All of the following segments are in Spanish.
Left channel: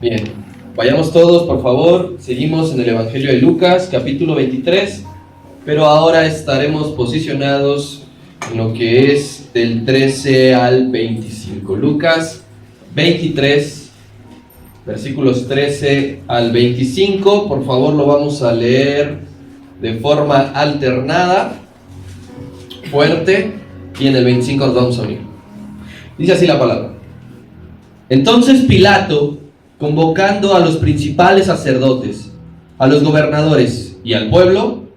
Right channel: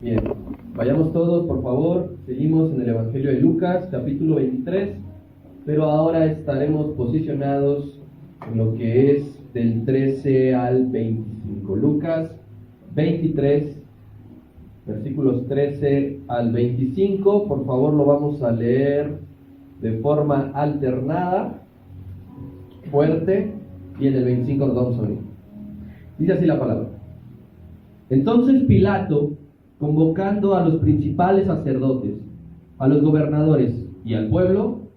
Bien, vayamos todos, por favor. Seguimos en el Evangelio de Lucas, capítulo 23, pero ahora estaremos posicionados en lo que es del 13 al 25. Lucas 23, versículos 13 al 25. Por favor, lo vamos a leer de forma alternada, fuerte, y en el 25 nos vamos a unir. Dice así la palabra. Entonces Pilato, convocando a los principales sacerdotes, a los gobernadores y al pueblo,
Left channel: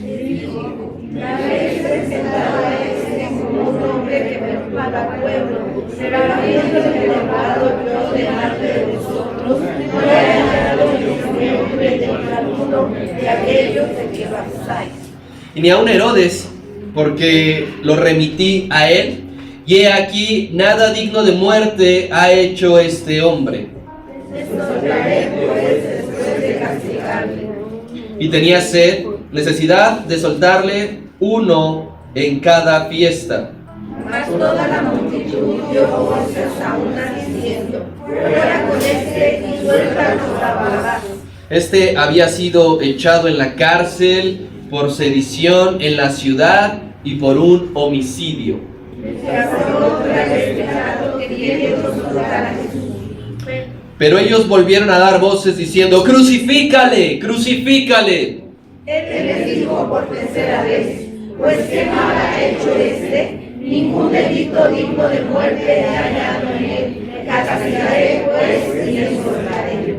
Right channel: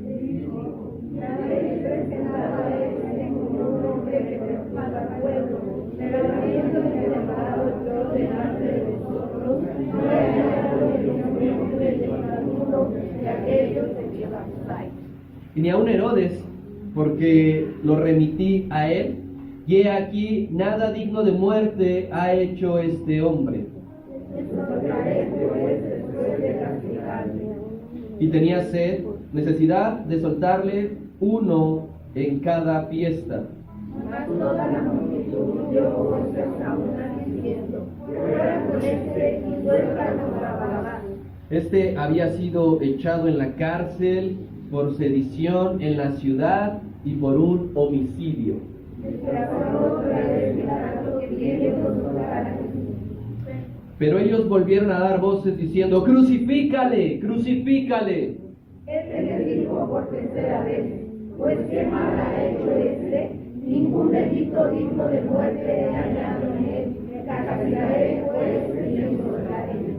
dijo: me habéis presentado a este como un hombre que perturba al pueblo, pero habiendo elevado yo delante de vosotros, no he hallado ningún hombre de alguno de aquellos de que lo acusáis. y ni aun Herodes, porque lo remití a él, y he aquí, nada digno de muerte ha hecho este hombre. Soltaré pues después de castigarle. Y tenía sed, necesidad de soltarle uno en cada fiesta. Mas toda la multitud dio voces a una diciendo: fuera con este y suéltanos a Barrabás. Este había sido echado en la cárcel por sedición en la ciudad y por un homicidio. Se habló otra vez Pilato queriendo soltar a Jesús. Pero ellos volvieron a dar voces diciendo: ¡Crucifícale! ¡Crucifícale! Él les dijo por tercera vez: pues qué mal ha hecho este, ningún delito digno de muerte he hallado en él. Le castigaré pues y le soltaré.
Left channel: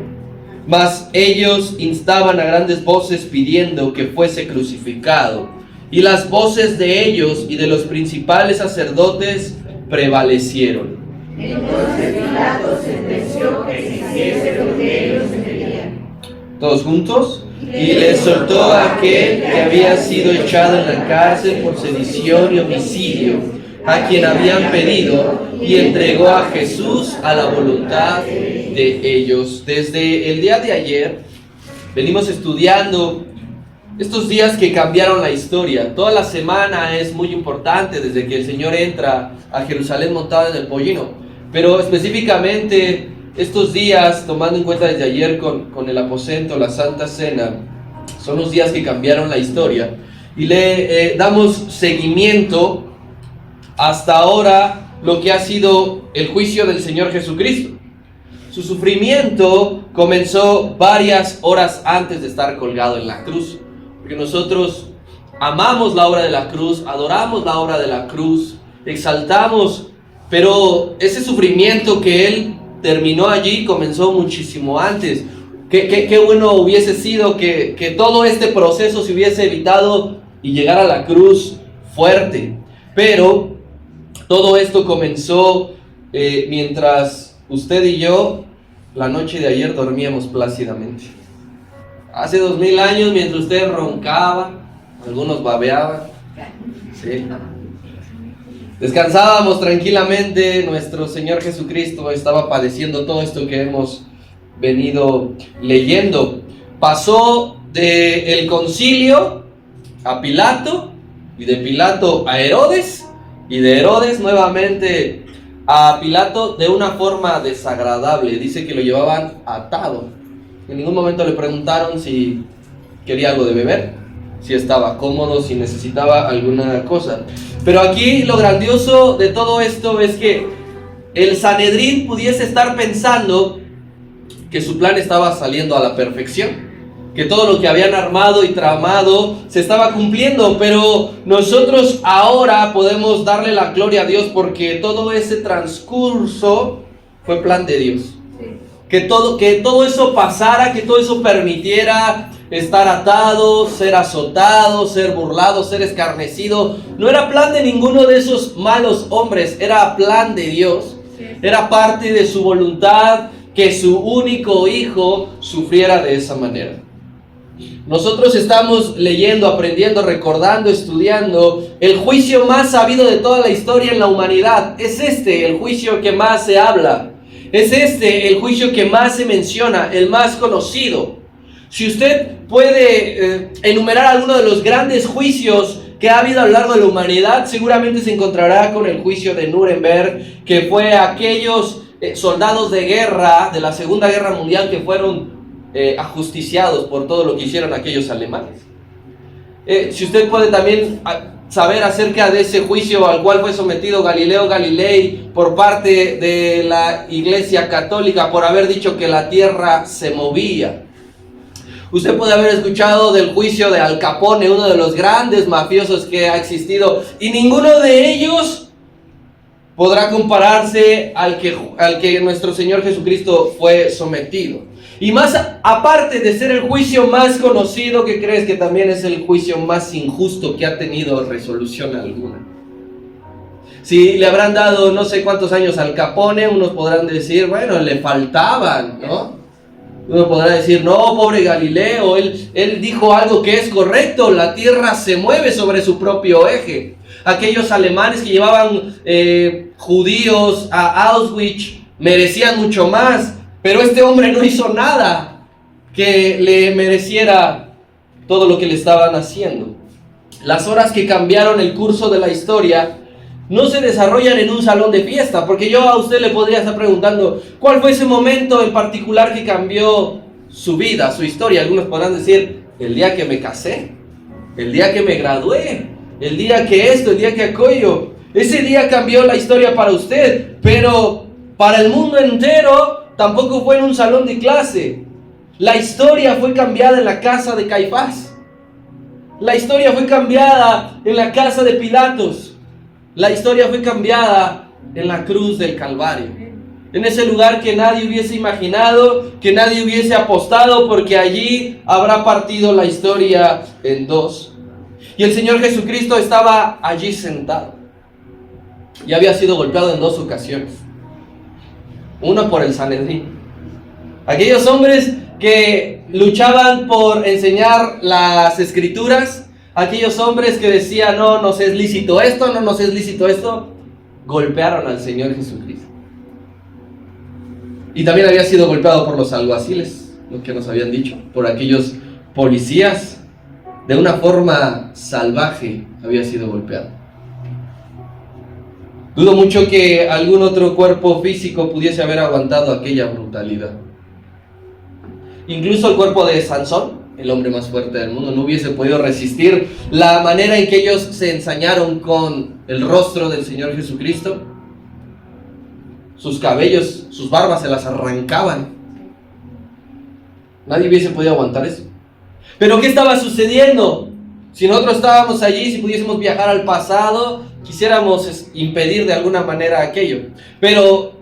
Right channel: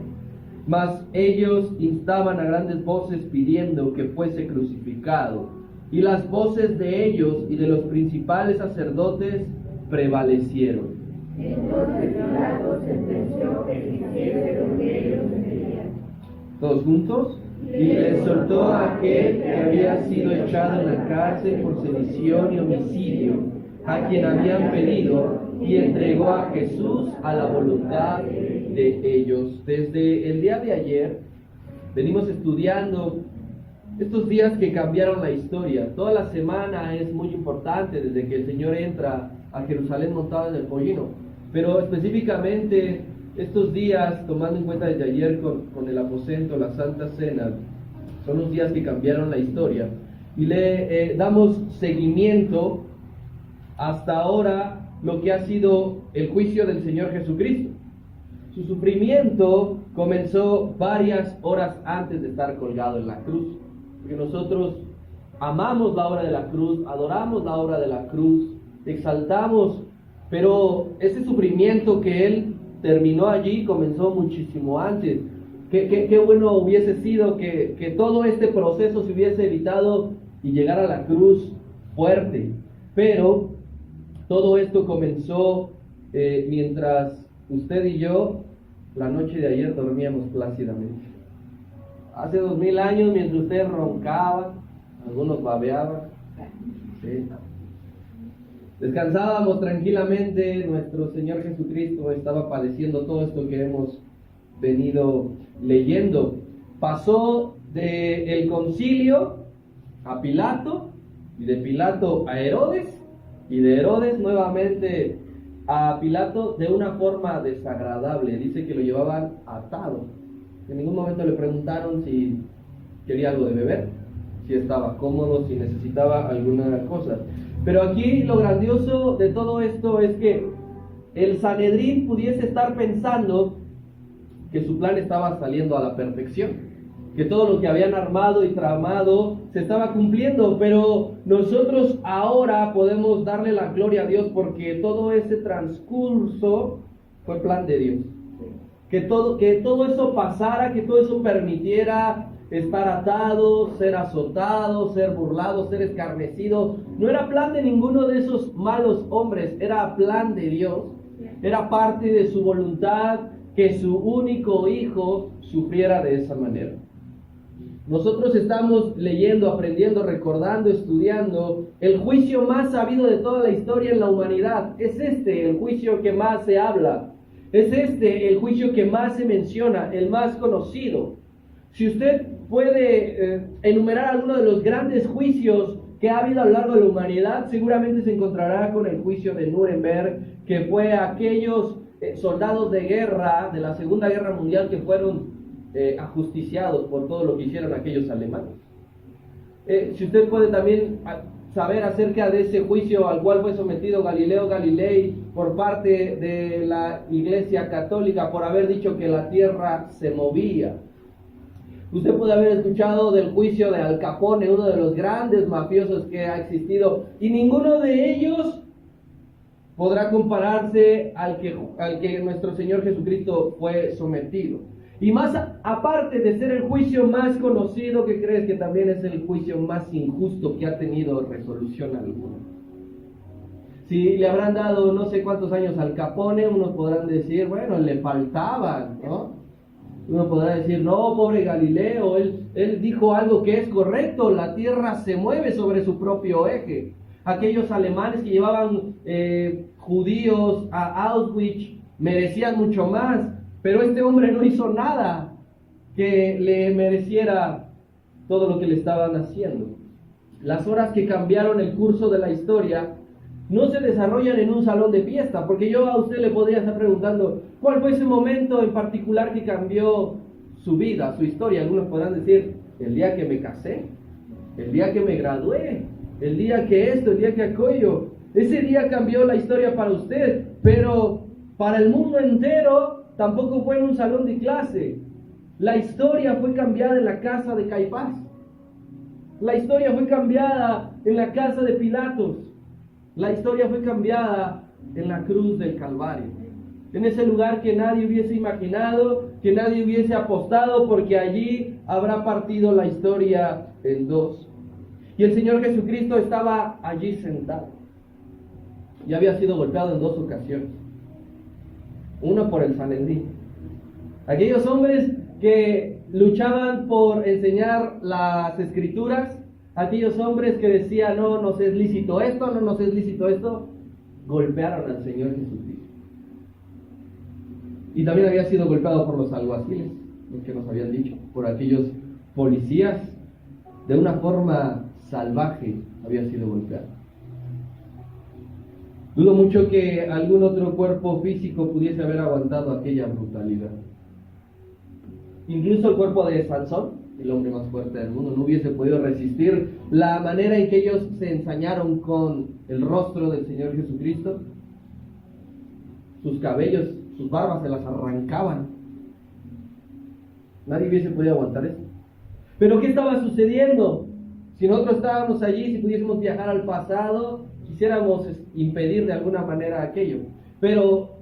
Mas ellos instaban a grandes voces pidiendo que fuese crucificado. Y las voces de ellos y de los principales sacerdotes prevalecieron. Entonces Pilato sentenció que se hiciese lo que ellos querían. ¿Todos juntos? Y le soltó a aquel que había sido echado en la cárcel por sedición y homicidio, a quien habían pedido, y entregó a Jesús a la voluntad de ellos. Desde el día de ayer venimos estudiando estos días que cambiaron la historia. Toda la semana es muy importante desde que el Señor entra a Jerusalén montado en el pollino, pero específicamente estos días, tomando en cuenta desde ayer con el aposento, la Santa Cena, son los días que cambiaron la historia y le damos seguimiento hasta ahora lo que ha sido el juicio del Señor Jesucristo. Su sufrimiento comenzó varias horas antes de estar colgado en la cruz, porque nosotros amamos la obra de la cruz, adoramos la obra de la cruz, exaltamos, pero ese sufrimiento que Él terminó allí comenzó muchísimo antes. Qué bueno hubiese sido que todo este proceso se hubiese evitado y llegar a la cruz fuerte. Pero todo esto comenzó mientras usted y yo la noche de ayer dormíamos plácidamente. Hace 2000 años, mientras usted roncaba, algunos babeaban, ¿sí? Descansábamos tranquilamente, nuestro Señor Jesucristo estaba padeciendo todo esto que hemos venido leyendo. Pasó del concilio a Pilato, y de Pilato a Herodes, y de Herodes nuevamente a Pilato de una forma desagradable. Dice que lo llevaban atado. En ningún momento le preguntaron si quería algo de beber, si estaba cómodo, si necesitaba alguna cosa. Pero aquí lo grandioso de todo esto es que el Sanedrín pudiese estar pensando que su plan estaba saliendo a la perfección, que todo lo que habían armado y tramado se estaba cumpliendo, pero nosotros ahora podemos darle la gloria a Dios porque todo ese transcurso fue plan de Dios. Que todo eso pasara, que todo eso permitiera estar atado, ser azotado, ser burlado, ser escarnecido. No era plan de ninguno de esos malos hombres, era plan de Dios. Era parte de su voluntad que su único hijo sufriera de esa manera. Nosotros estamos leyendo, aprendiendo, recordando, estudiando el juicio más sabido de toda la historia en la humanidad. Es este el juicio que más se habla. Es este el juicio que más se menciona, el más conocido. Si usted puede enumerar alguno de los grandes juicios que ha habido a lo largo de la humanidad, seguramente se encontrará con el juicio de Nuremberg, que fue aquellos soldados de guerra de la Segunda Guerra Mundial que fueron ajusticiados por todo lo que hicieron aquellos alemanes. Si usted puede también saber acerca de ese juicio al cual fue sometido Galileo Galilei por parte de la Iglesia Católica por haber dicho que la tierra se movía. Usted puede haber escuchado del juicio de Al Capone, uno de los grandes mafiosos que ha existido, y ninguno de ellos podrá compararse al que nuestro Señor Jesucristo fue sometido. Y más aparte de ser el juicio más conocido, ¿qué crees? Que también es el juicio más injusto que ha tenido resolución alguna. Si le habrán dado no sé cuántos años al Capone, unos podrán decir, bueno, le faltaban, ¿no? Uno podrá decir, no, pobre Galileo, él dijo algo que es correcto, la tierra se mueve sobre su propio eje. Aquellos alemanes que llevaban judíos a Auschwitz merecían mucho más, pero este hombre no hizo nada que le mereciera todo lo que le estaban haciendo. Las horas que cambiaron el curso de la historia no se desarrollan en un salón de fiesta, porque yo a usted le podría estar preguntando, ¿cuál fue ese momento en particular que cambió su vida, su historia? Algunos podrán decir, el día que me casé, el día que me gradué, el día que esto, el día que aquello. Ese día cambió la historia para usted, pero para el mundo entero tampoco fue en un salón de clase. La historia fue cambiada en la casa de Caifás. La historia fue cambiada en la casa de Pilatos. La historia fue cambiada en la cruz del Calvario. En ese lugar que nadie hubiese imaginado, que nadie hubiese apostado, porque allí habrá partido la historia en dos. Y el Señor Jesucristo estaba allí sentado. Y había sido golpeado en 2 ocasiones. Una por el Sanedrín. Aquellos hombres que luchaban por enseñar las Escrituras, aquellos hombres que decían, no nos es lícito esto, no nos es lícito esto, golpearon al Señor Jesucristo. Y también había sido golpeado por los alguaciles, lo que nos habían dicho, por aquellos policías. De una forma salvaje había sido golpeado. Dudo mucho que algún otro cuerpo físico pudiese haber aguantado aquella brutalidad. Incluso el cuerpo de Sansón, el hombre más fuerte del mundo, no hubiese podido resistir la manera en que ellos se ensañaron con el rostro del Señor Jesucristo. Sus cabellos, sus barbas se las arrancaban. Nadie hubiese podido aguantar eso. Pero ¿qué estaba sucediendo? Si nosotros estábamos allí, si pudiésemos viajar al pasado, quisiéramos impedir de alguna manera aquello. Pero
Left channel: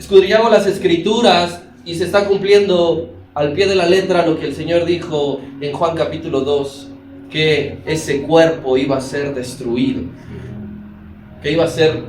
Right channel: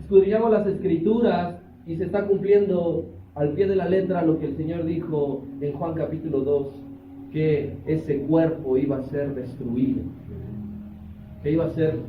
escudriñamos las Escrituras y se está cumpliendo al pie de la letra lo que el Señor dijo en Juan capítulo 2, que ese cuerpo iba a ser destruido, que iba a ser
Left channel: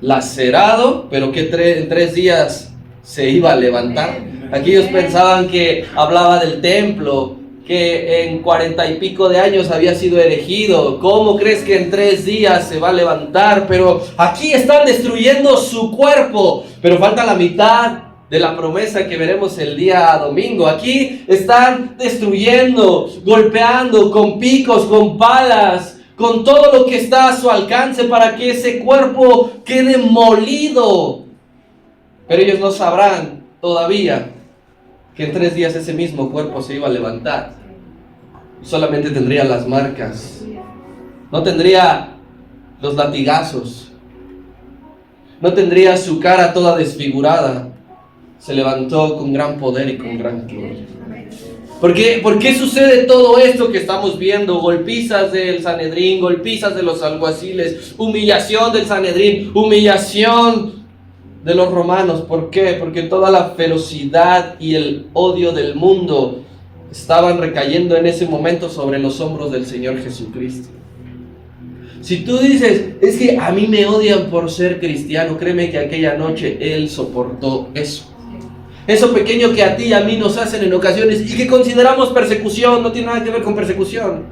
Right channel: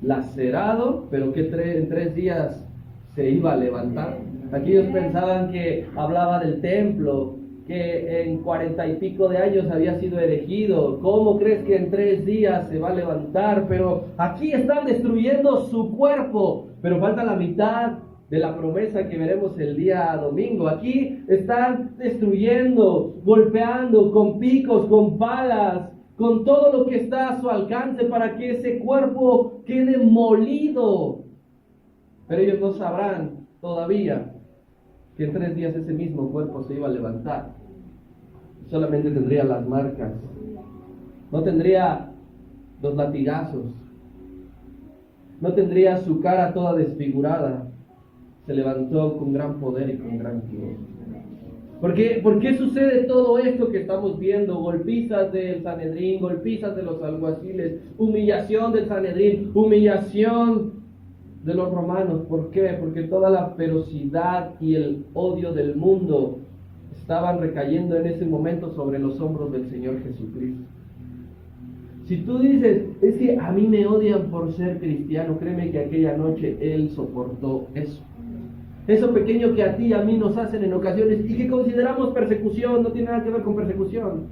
lacerado, pero que en 3 días se iba a levantar. Aquellos pensaban que hablaba del templo, que en 40 y pico de años había sido erigido. ¿Cómo crees que en 3 días se va a levantar? Pero aquí están destruyendo su cuerpo, pero falta la mitad de la promesa que veremos el día domingo. Aquí están destruyendo, golpeando con picos, con palas, con todo lo que está a su alcance para que ese cuerpo quede molido. Pero ellos no sabrán todavía que en 3 días ese mismo cuerpo se iba a levantar. Solamente tendría las marcas, no tendría los latigazos, no tendría su cara toda desfigurada. Se levantó con gran poder y con gran gloria. ¿Por qué sucede todo esto que estamos viendo? Golpizas del Sanedrín, golpizas de los alguaciles, humillación del Sanedrín, humillación de los romanos. ¿Por qué? Porque toda la ferocidad y el odio del mundo estaban recayendo en ese momento sobre los hombros del Señor Jesucristo. Si tú dices, es que a mí me odian por ser cristiano, créeme que aquella noche Él soportó eso. Eso pequeño que a ti y a mí nos hacen en ocasiones y que consideramos persecución, no tiene nada que ver con persecución.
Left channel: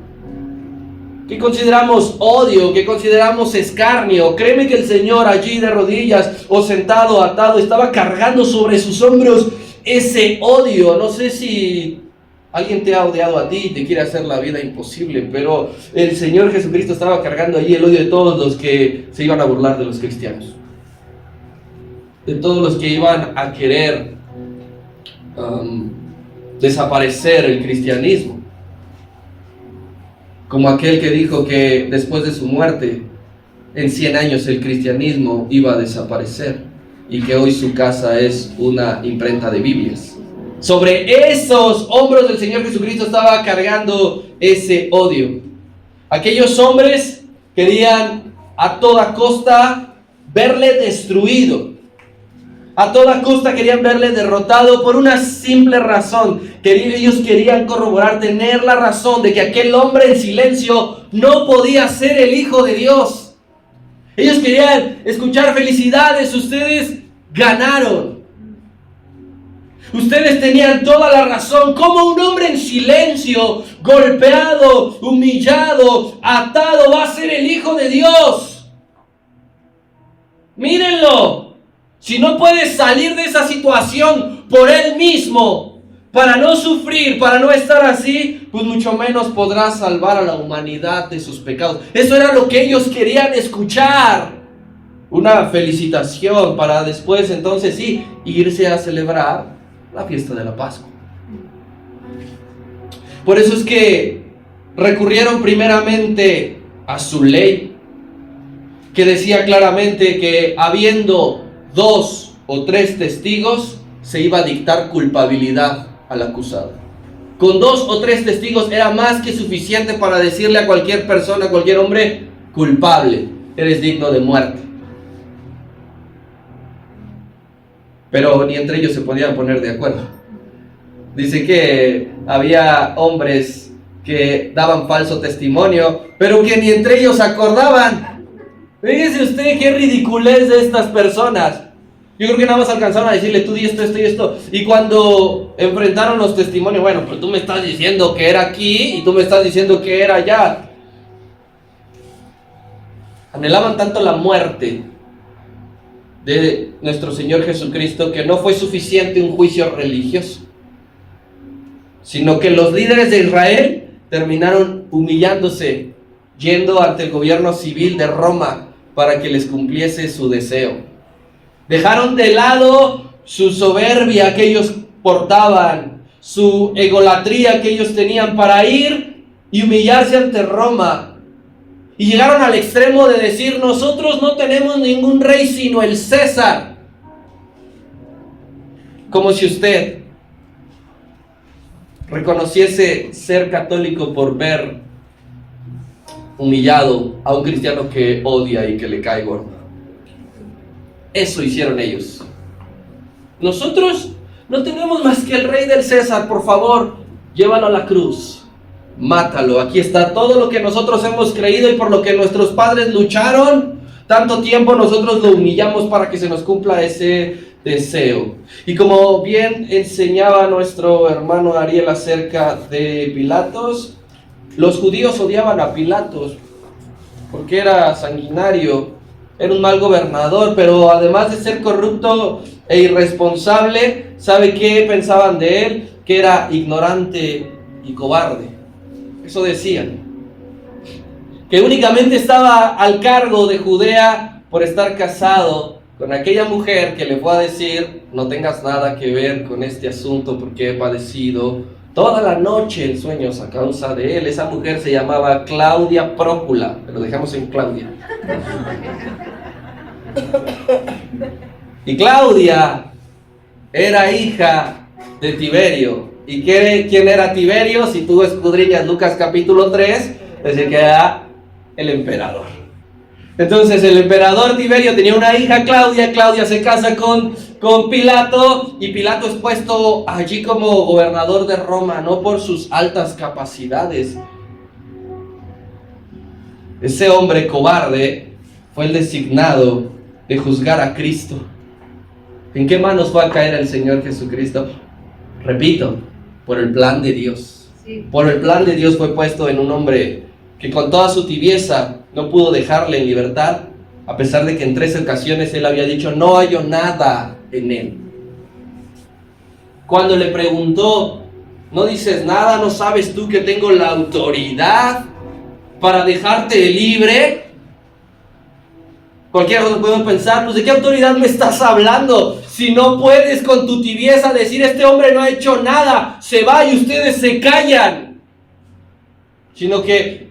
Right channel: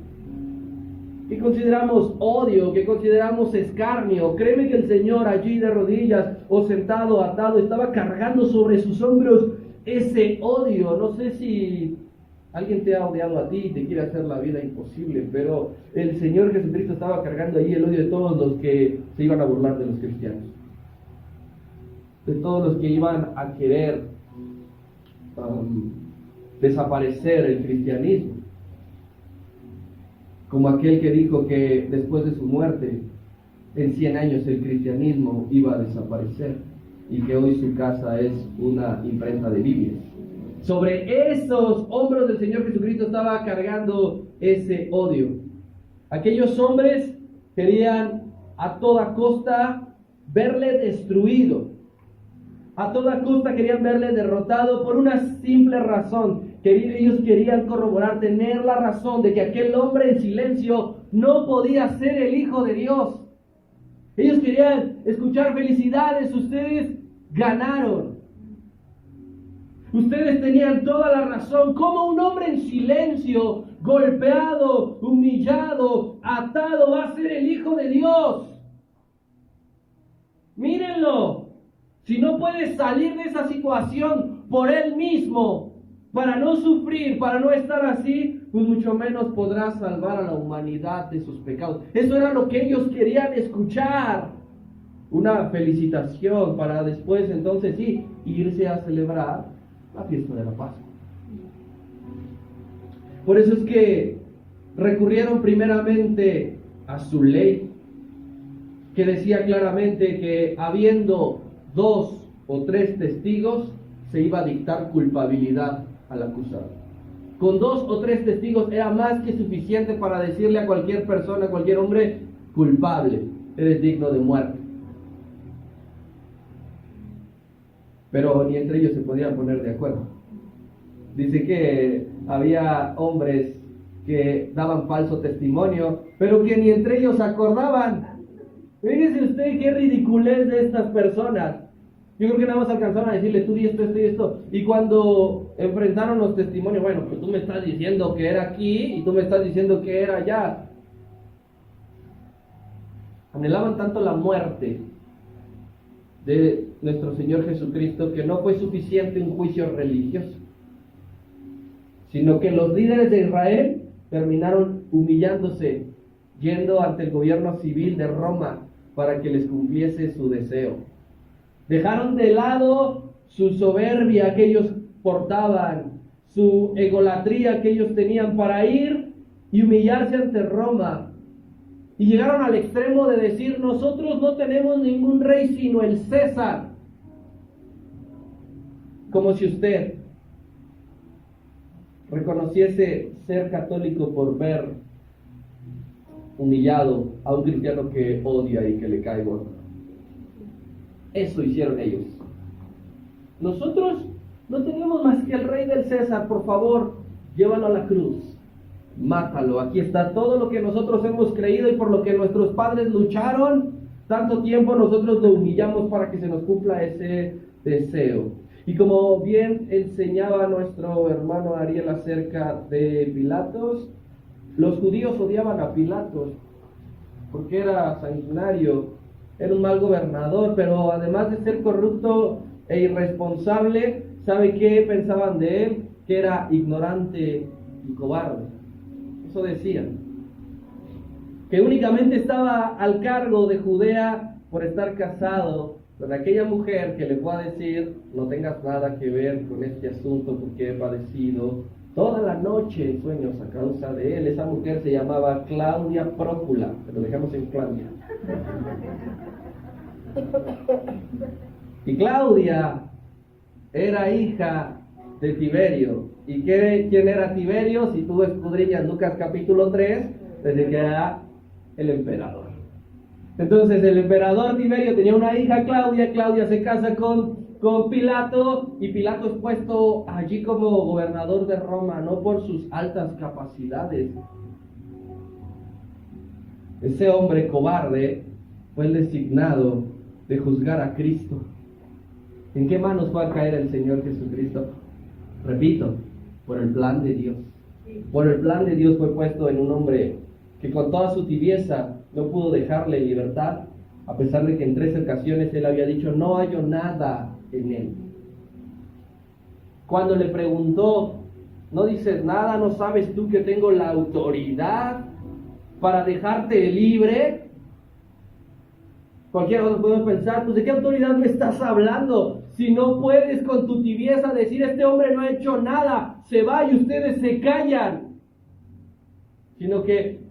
Que consideramos odio, que consideramos escarnio. Créeme que el Señor allí de rodillas o sentado, atado, estaba cargando sobre sus hombros ese odio. No sé si alguien te ha odiado a ti y te quiere hacer la vida imposible, pero el Señor Jesucristo estaba cargando allí el odio de todos los que se iban a burlar de los cristianos. de todos los que iban a querer desaparecer el cristianismo. Como aquel que dijo que después de su muerte, en 100 años el cristianismo iba a desaparecer y que hoy su casa es una imprenta de Biblias. Sobre esos hombros del Señor Jesucristo estaba cargando ese odio. Aquellos hombres querían a toda costa verle destruido. A toda costa querían verle derrotado por una simple razón. Ellos querían corroborar, tener la razón de que aquel hombre en silencio no podía ser el Hijo de Dios. Ellos querían escuchar: felicidades, ustedes ganaron. Ustedes tenían toda la razón. ¿Cómo un hombre en silencio, golpeado, humillado, atado, va a ser el Hijo de Dios? Mírenlo. Si no puede salir de esa situación por él mismo, para no sufrir, para no estar así, pues mucho menos podrá salvar a la humanidad de sus pecados. Eso era lo que ellos querían escuchar. Una felicitación para después entonces sí irse a celebrar la fiesta de la Pascua. Por eso es que recurrieron primeramente a su ley, que decía claramente que habiendo 2 o 3 testigos se iba a dictar culpabilidad al acusado. Con 2 o 3 testigos era más que suficiente para decirle a cualquier persona, a cualquier hombre: culpable, eres digno de muerte. Pero ni entre ellos se podían poner de acuerdo. Dice que había hombres que daban falso testimonio, pero que ni entre ellos acordaban. Fíjese usted qué ridiculez de estas personas. Yo creo que nada más alcanzaron a decirle: tú di esto, esto y esto. Y cuando enfrentaron los testimonios: bueno, pero tú me estás diciendo que era aquí y tú me estás diciendo que era allá. Anhelaban tanto la muerte de nuestro Señor Jesucristo que no fue suficiente un juicio religioso, sino que los líderes de Israel terminaron humillándose, yendo ante el gobierno civil de Roma para que les cumpliese su deseo. Dejaron de lado su soberbia que ellos portaban, su egolatría que ellos tenían, para ir y humillarse ante Roma. Y llegaron al extremo de decir: nosotros no tenemos ningún rey sino el César. Como si usted reconociese ser católico por ver humillado a un cristiano que odia y que le cae gordo. Eso hicieron ellos. Nosotros no tenemos más que el rey del César, por favor, llévalo a la cruz. Mátalo, aquí está todo lo que nosotros hemos creído y por lo que nuestros padres lucharon tanto tiempo, nosotros lo humillamos para que se nos cumpla ese deseo. Y como bien enseñaba nuestro hermano Ariel acerca de Pilatos, los judíos odiaban a Pilatos porque era sanguinario, era un mal gobernador, pero además de ser corrupto e irresponsable, ¿sabe qué pensaban de él? Que era ignorante y cobarde. Eso decían, que únicamente estaba al cargo de Judea por estar casado con aquella mujer que le fue a decir: no tengas nada que ver con este asunto porque he padecido toda la noche en sueños a causa de él. Esa mujer se llamaba Claudia Prócula, pero dejamos en Claudia. Y Claudia era hija de Tiberio. ¿Y quién era Tiberio? Si tú escudriñas Lucas capítulo 3, dice que era el emperador. Entonces el emperador Tiberio tenía una hija, Claudia. Claudia se casa con Pilato, y Pilato es puesto allí como gobernador de Roma, no por sus altas capacidades. Ese hombre cobarde fue el designado de juzgar a Cristo. ¿En qué manos fue a caer el Señor Jesucristo? Repito, por el plan de Dios. Sí. Por el plan de Dios fue puesto en un hombre que con toda su tibieza no pudo dejarle en libertad, a pesar de que en 3 ocasiones él había dicho: no hallo nada en él. Cuando le preguntó: ¿no dices nada? ¿No sabes tú que tengo la autoridad para dejarte libre? Cualquiera de nosotros podemos pensar, pues ¿de qué autoridad me estás hablando? Si no puedes con tu tibieza decir, este hombre no ha hecho nada, se va y ustedes se callan. Sino que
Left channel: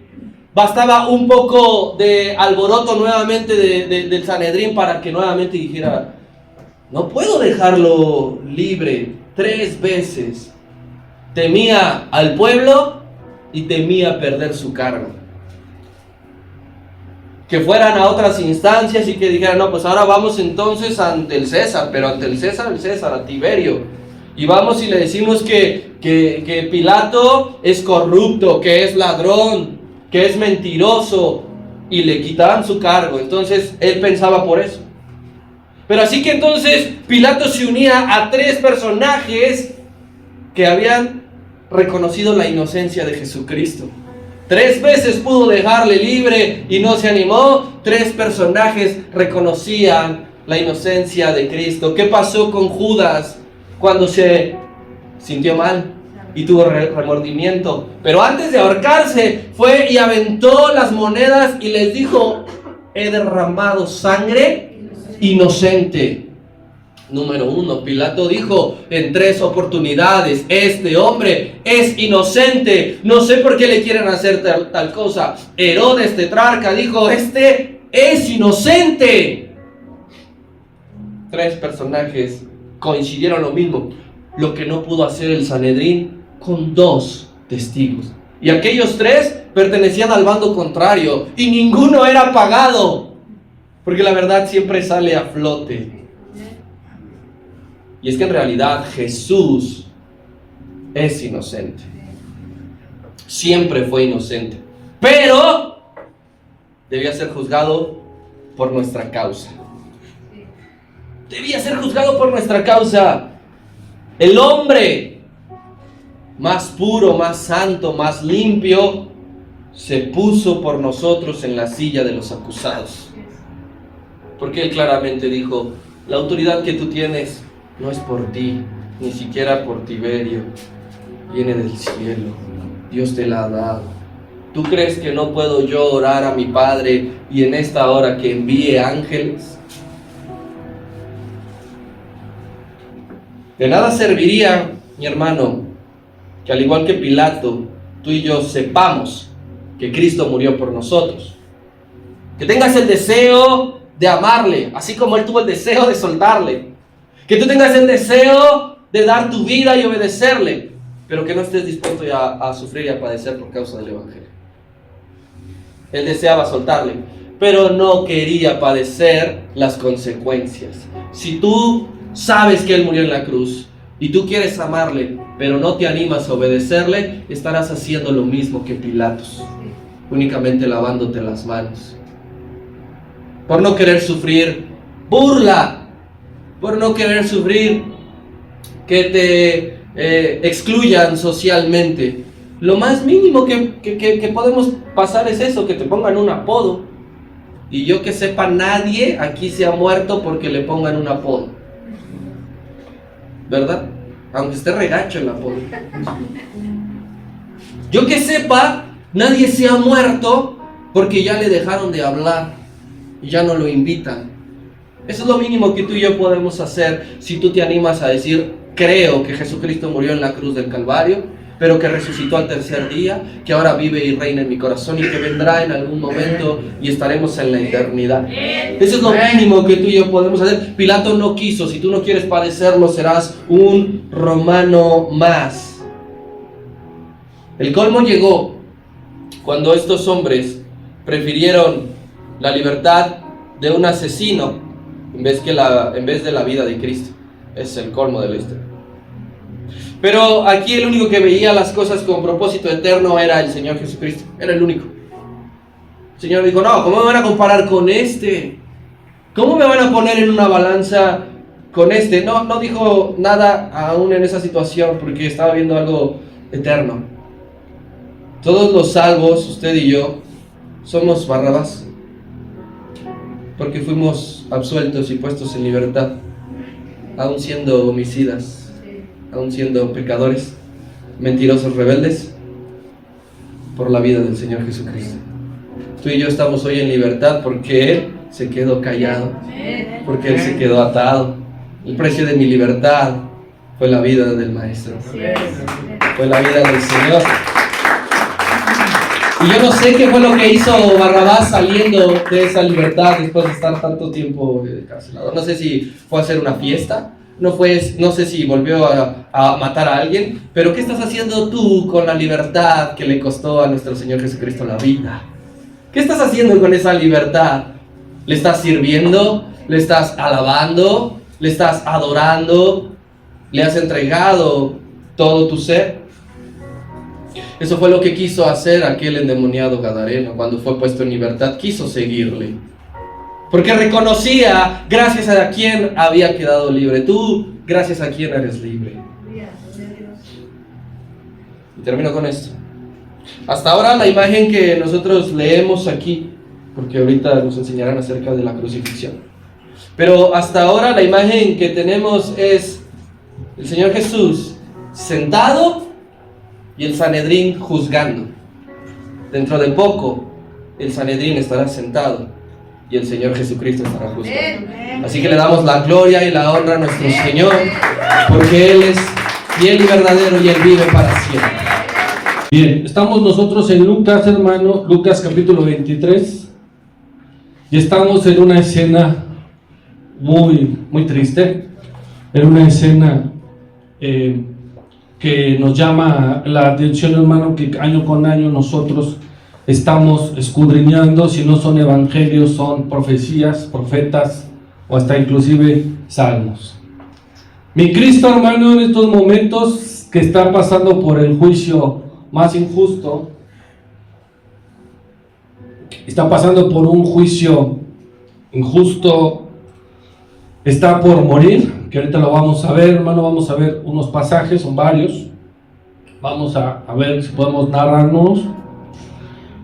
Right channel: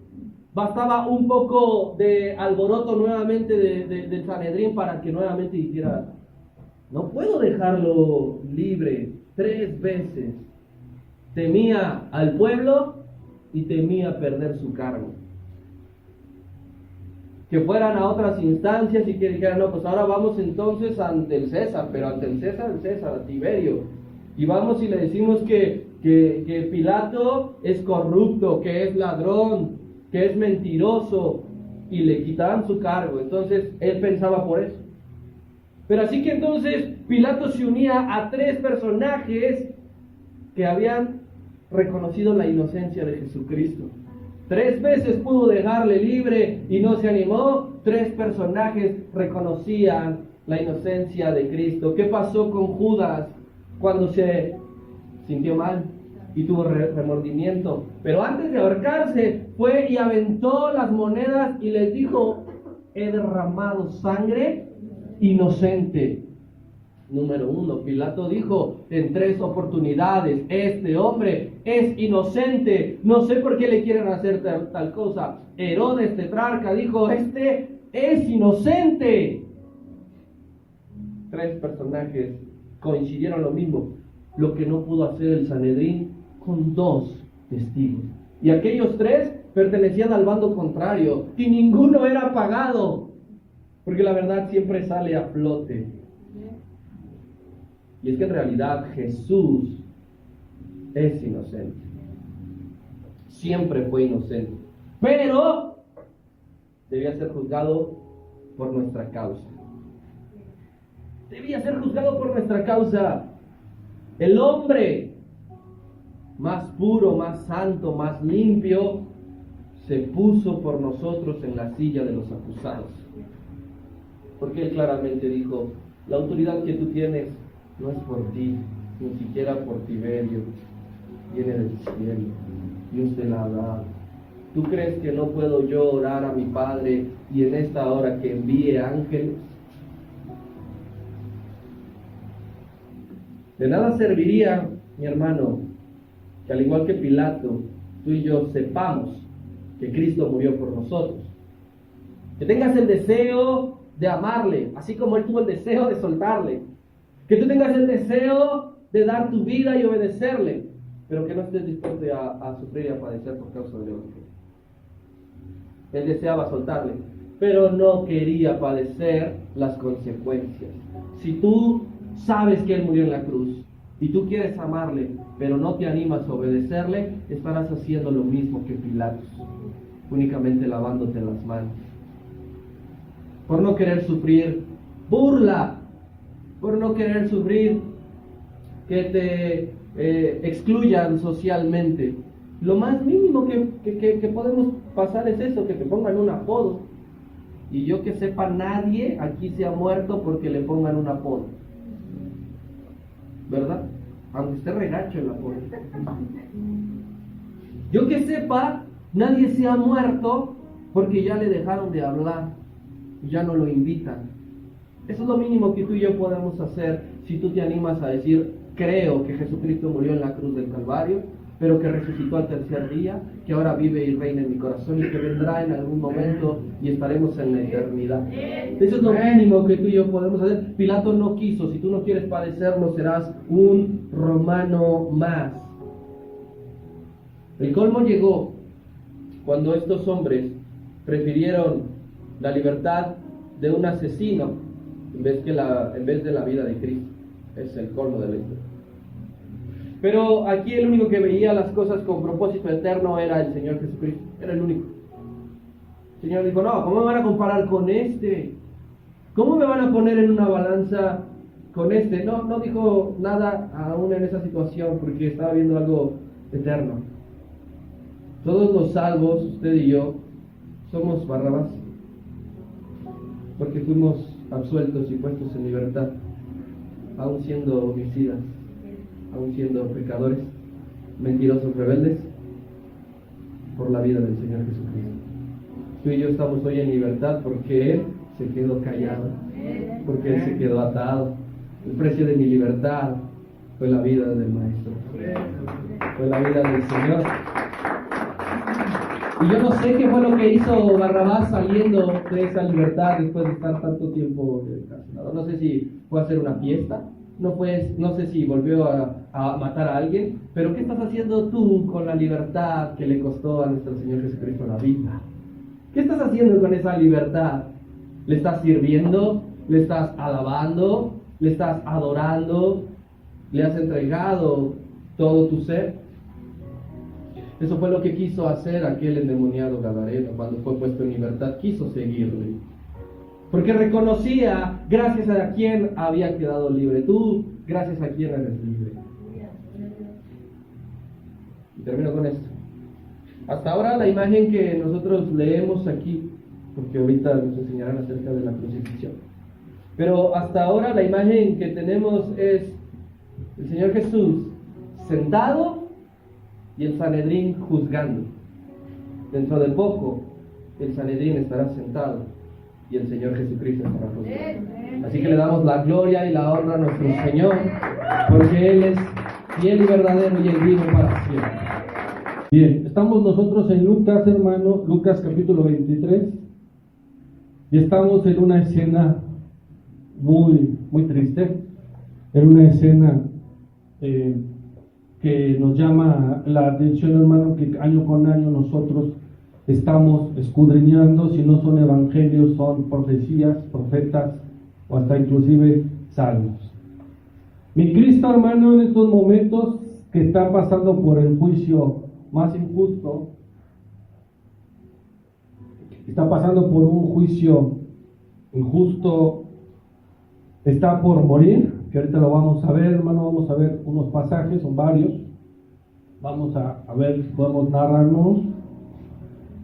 bastaba un poco de alboroto nuevamente del Sanedrín para que nuevamente dijera, no puedo dejarlo libre. 3 veces temía al pueblo y temía perder su cargo. Que fueran a otras instancias y que dijeran, no, pues ahora vamos entonces ante el César, pero ante el César, a Tiberio. Y vamos y le decimos que Pilato es corrupto, que es ladrón, que es mentiroso, y le quitarán su cargo. Entonces él pensaba por eso. Pero así que entonces Pilato se unía a 3 personajes que habían reconocido la inocencia de Jesucristo. 3 veces pudo dejarle libre y no se animó. 3 personajes reconocían la inocencia de Cristo. ¿Qué pasó con Judas cuando se sintió mal y tuvo remordimiento? Pero antes de ahorcarse fue y aventó las monedas y les dijo, he derramado sangre inocente. Número 1, Pilato dijo en 3 oportunidades, este hombre es inocente, no sé por qué le quieren hacer tal cosa. Herodes tetrarca dijo, este es inocente. 3 personajes coincidieron lo mismo, lo que no pudo hacer el Sanedrín con 2 testigos. Y aquellos 3 pertenecían al bando contrario y ninguno era pagado, porque la verdad siempre sale a flote. Y es que en realidad Jesús es inocente. Siempre fue inocente. Pero debía ser juzgado por nuestra causa. Debía ser juzgado por nuestra causa. El hombre más puro, más santo, más limpio, se puso por nosotros en la silla de los acusados. Porque él claramente dijo, la autoridad que tú tienes no es por ti, ni siquiera por Tiberio, viene del cielo, Dios te la ha dado. ¿Tú crees que no puedo yo orar a mi Padre y en esta hora que envíe ángeles? De nada serviría, mi hermano, que al igual que Pilato, tú y yo sepamos que Cristo murió por nosotros. Que tengas el deseo de amarle, así como Él tuvo el deseo de soltarle. Que tú tengas el deseo de dar tu vida y obedecerle, pero que no estés dispuesto a sufrir y a padecer por causa del Evangelio. Él deseaba soltarle, pero no quería padecer las consecuencias. Si tú sabes que Él murió en la cruz y tú quieres amarle, pero no te animas a obedecerle, estarás haciendo lo mismo que Pilatos, únicamente lavándote las manos. Por no querer sufrir burla, por no querer sufrir que te excluyan socialmente. Lo más mínimo que podemos pasar es eso, que te pongan un apodo. Y yo que sepa, nadie aquí se ha muerto porque le pongan un apodo, ¿verdad? Aunque esté regacho el apodo. Yo que sepa, nadie se ha muerto porque ya le dejaron de hablar y ya no lo invitan. Eso es lo mínimo que tú y yo podemos hacer si tú te animas a decir, creo que Jesucristo murió en la cruz del Calvario, pero que resucitó al 3er día, que ahora vive y reina en mi corazón y que vendrá en algún momento y estaremos en la eternidad. Eso es lo mínimo que tú y yo podemos hacer. Pilato no quiso. Si tú no quieres padecerlo, serás un romano más. El colmo llegó cuando estos hombres prefirieron la libertad de un asesino en vez de la vida de Cristo. Es el colmo de la historia. Pero aquí el único que veía las cosas con propósito eterno era el Señor Jesucristo. Era el único. El Señor dijo, no, ¿cómo me van a comparar con este? ¿Cómo me van a poner en una balanza con este? No dijo nada aún en esa situación porque estaba viendo algo eterno. Todos los salvos, usted y yo, somos Barrabás, porque fuimos absueltos y puestos en libertad, aún siendo homicidas, aún siendo pecadores, mentirosos, rebeldes, por la vida del Señor Jesucristo. Tú y yo estamos hoy en libertad porque Él se quedó callado, porque él se quedó atado. El precio de mi libertad fue la vida del Maestro, fue la vida del Señor. Y yo no sé qué fue lo que hizo Barrabás saliendo de esa libertad después de estar tanto tiempo encarcelado. No sé si fue a hacer una fiesta, no sé si volvió a matar a alguien, pero ¿qué estás haciendo tú con la libertad que le costó a nuestro Señor Jesucristo la vida? ¿Qué estás haciendo con esa libertad? ¿Le estás sirviendo? ¿Le estás alabando? ¿Le estás adorando? ¿Le has entregado todo tu ser? Eso fue lo que quiso hacer aquel endemoniado gadareno cuando fue puesto en libertad. Quiso seguirle, porque reconocía gracias a quien había quedado libre. Tú, gracias a quien eres libre. Y termino con esto. Hasta ahora la imagen que nosotros leemos aquí, porque ahorita nos enseñarán acerca de la crucifixión, pero hasta ahora la imagen que tenemos es el Señor Jesús sentado y el Sanedrín juzgando. Dentro de poco el Sanedrín estará sentado y el Señor Jesucristo estará juzgando. Así que le damos la gloria y la honra a nuestro Señor, porque Él es fiel y verdadero y Él vive para siempre. Bien, estamos nosotros en Lucas, hermano, Lucas capítulo 23, y estamos en una escena muy triste, en una escena que nos llama la atención, hermano, que año con año nosotros estamos escudriñando, si no son evangelios, son profecías, profetas, o hasta inclusive salmos. Mi Cristo, hermano, en estos momentos que está pasando por el juicio más injusto, está pasando por un juicio injusto, está por morir, que ahorita lo vamos a ver, hermano. Vamos a ver unos pasajes, son varios, vamos a ver si podemos narrarnos,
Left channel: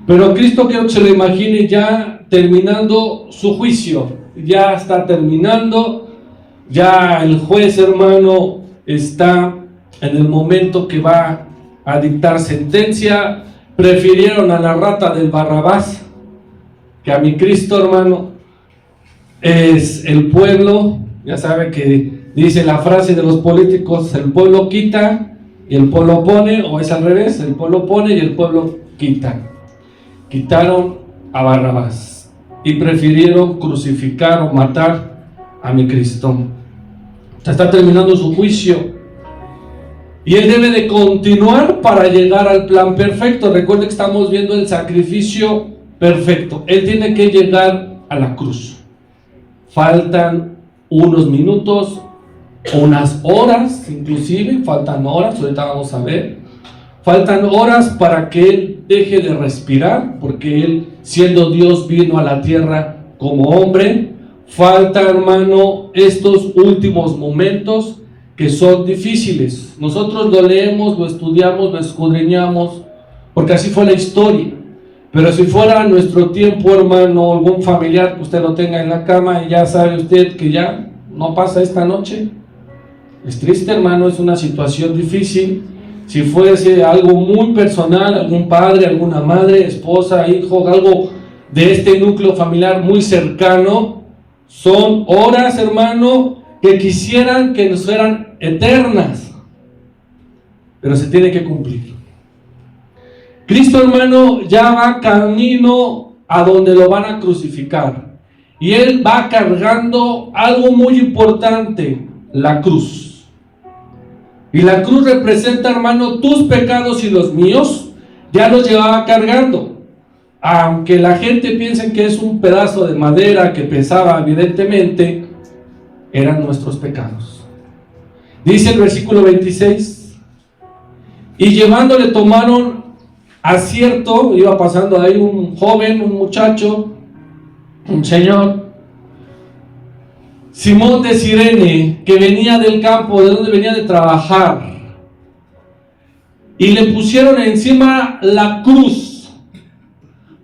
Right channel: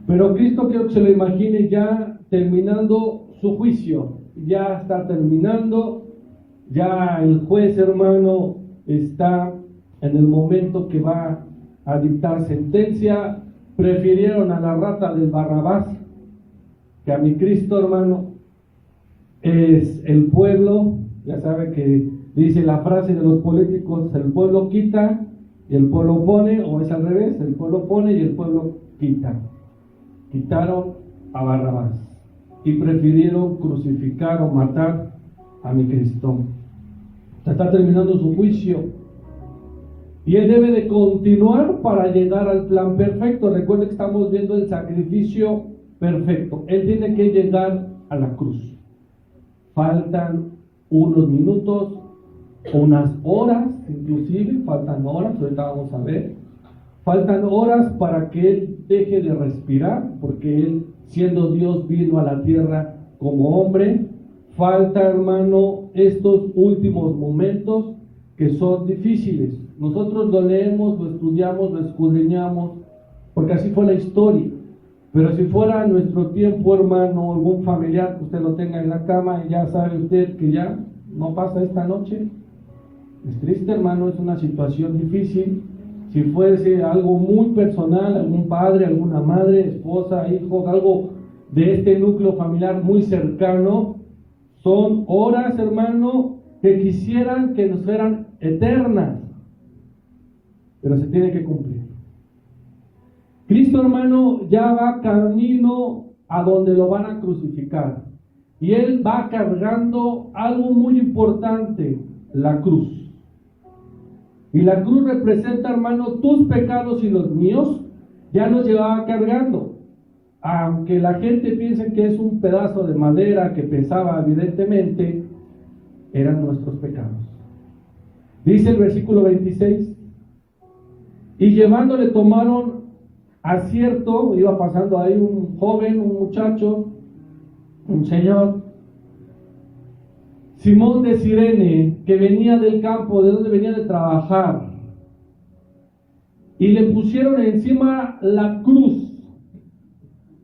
pero Cristo quiero que se lo imagine ya terminando su juicio, ya está terminando, ya el juez, hermano, está en el momento que va a dictar sentencia. Prefirieron a la rata del Barrabás que a mi Cristo, hermano. Es el pueblo, ya sabe que dice la frase de los políticos: el pueblo quita y el pueblo pone, o es al revés, el pueblo pone y el pueblo quita. Quitaron a Barrabás y prefirieron crucificar o matar a mi Cristo. Está terminando su juicio y él debe de continuar para llegar al plan perfecto. Recuerde que estamos viendo el sacrificio perfecto. Él tiene que llegar a la cruz. Faltan unos minutos, unas horas, inclusive faltan horas, ahorita vamos a ver. Faltan horas para que él deje de respirar, porque él, siendo Dios, vino a la tierra como hombre. Falta, hermano, estos últimos momentos que son difíciles. Nosotros lo leemos, lo estudiamos, lo escudriñamos, porque así fue la historia. Pero si fuera nuestro tiempo, hermano, algún familiar que usted lo tenga en la cama y ya sabe usted que ya no pasa esta noche, es triste, hermano, es una situación difícil. Si fuese algo muy personal, algún padre, alguna madre, esposa, hijo, algo de este núcleo familiar muy cercano, son horas, hermano, que quisieran que nos fueran eternas, pero se tiene que cumplir. Cristo, hermano, ya va camino a donde lo van a crucificar, y él va cargando algo muy importante: la cruz. Y la cruz representa, hermano, tus pecados y los míos. Ya los llevaba cargando, aunque la gente piense que es un pedazo de madera que pesaba, evidentemente eran nuestros pecados. Dice el versículo 26: y llevándole tomaron acierto. Iba pasando ahí un joven, un muchacho, un señor, Simón de Cirene, que venía del campo, de donde venía de trabajar, y le pusieron encima la cruz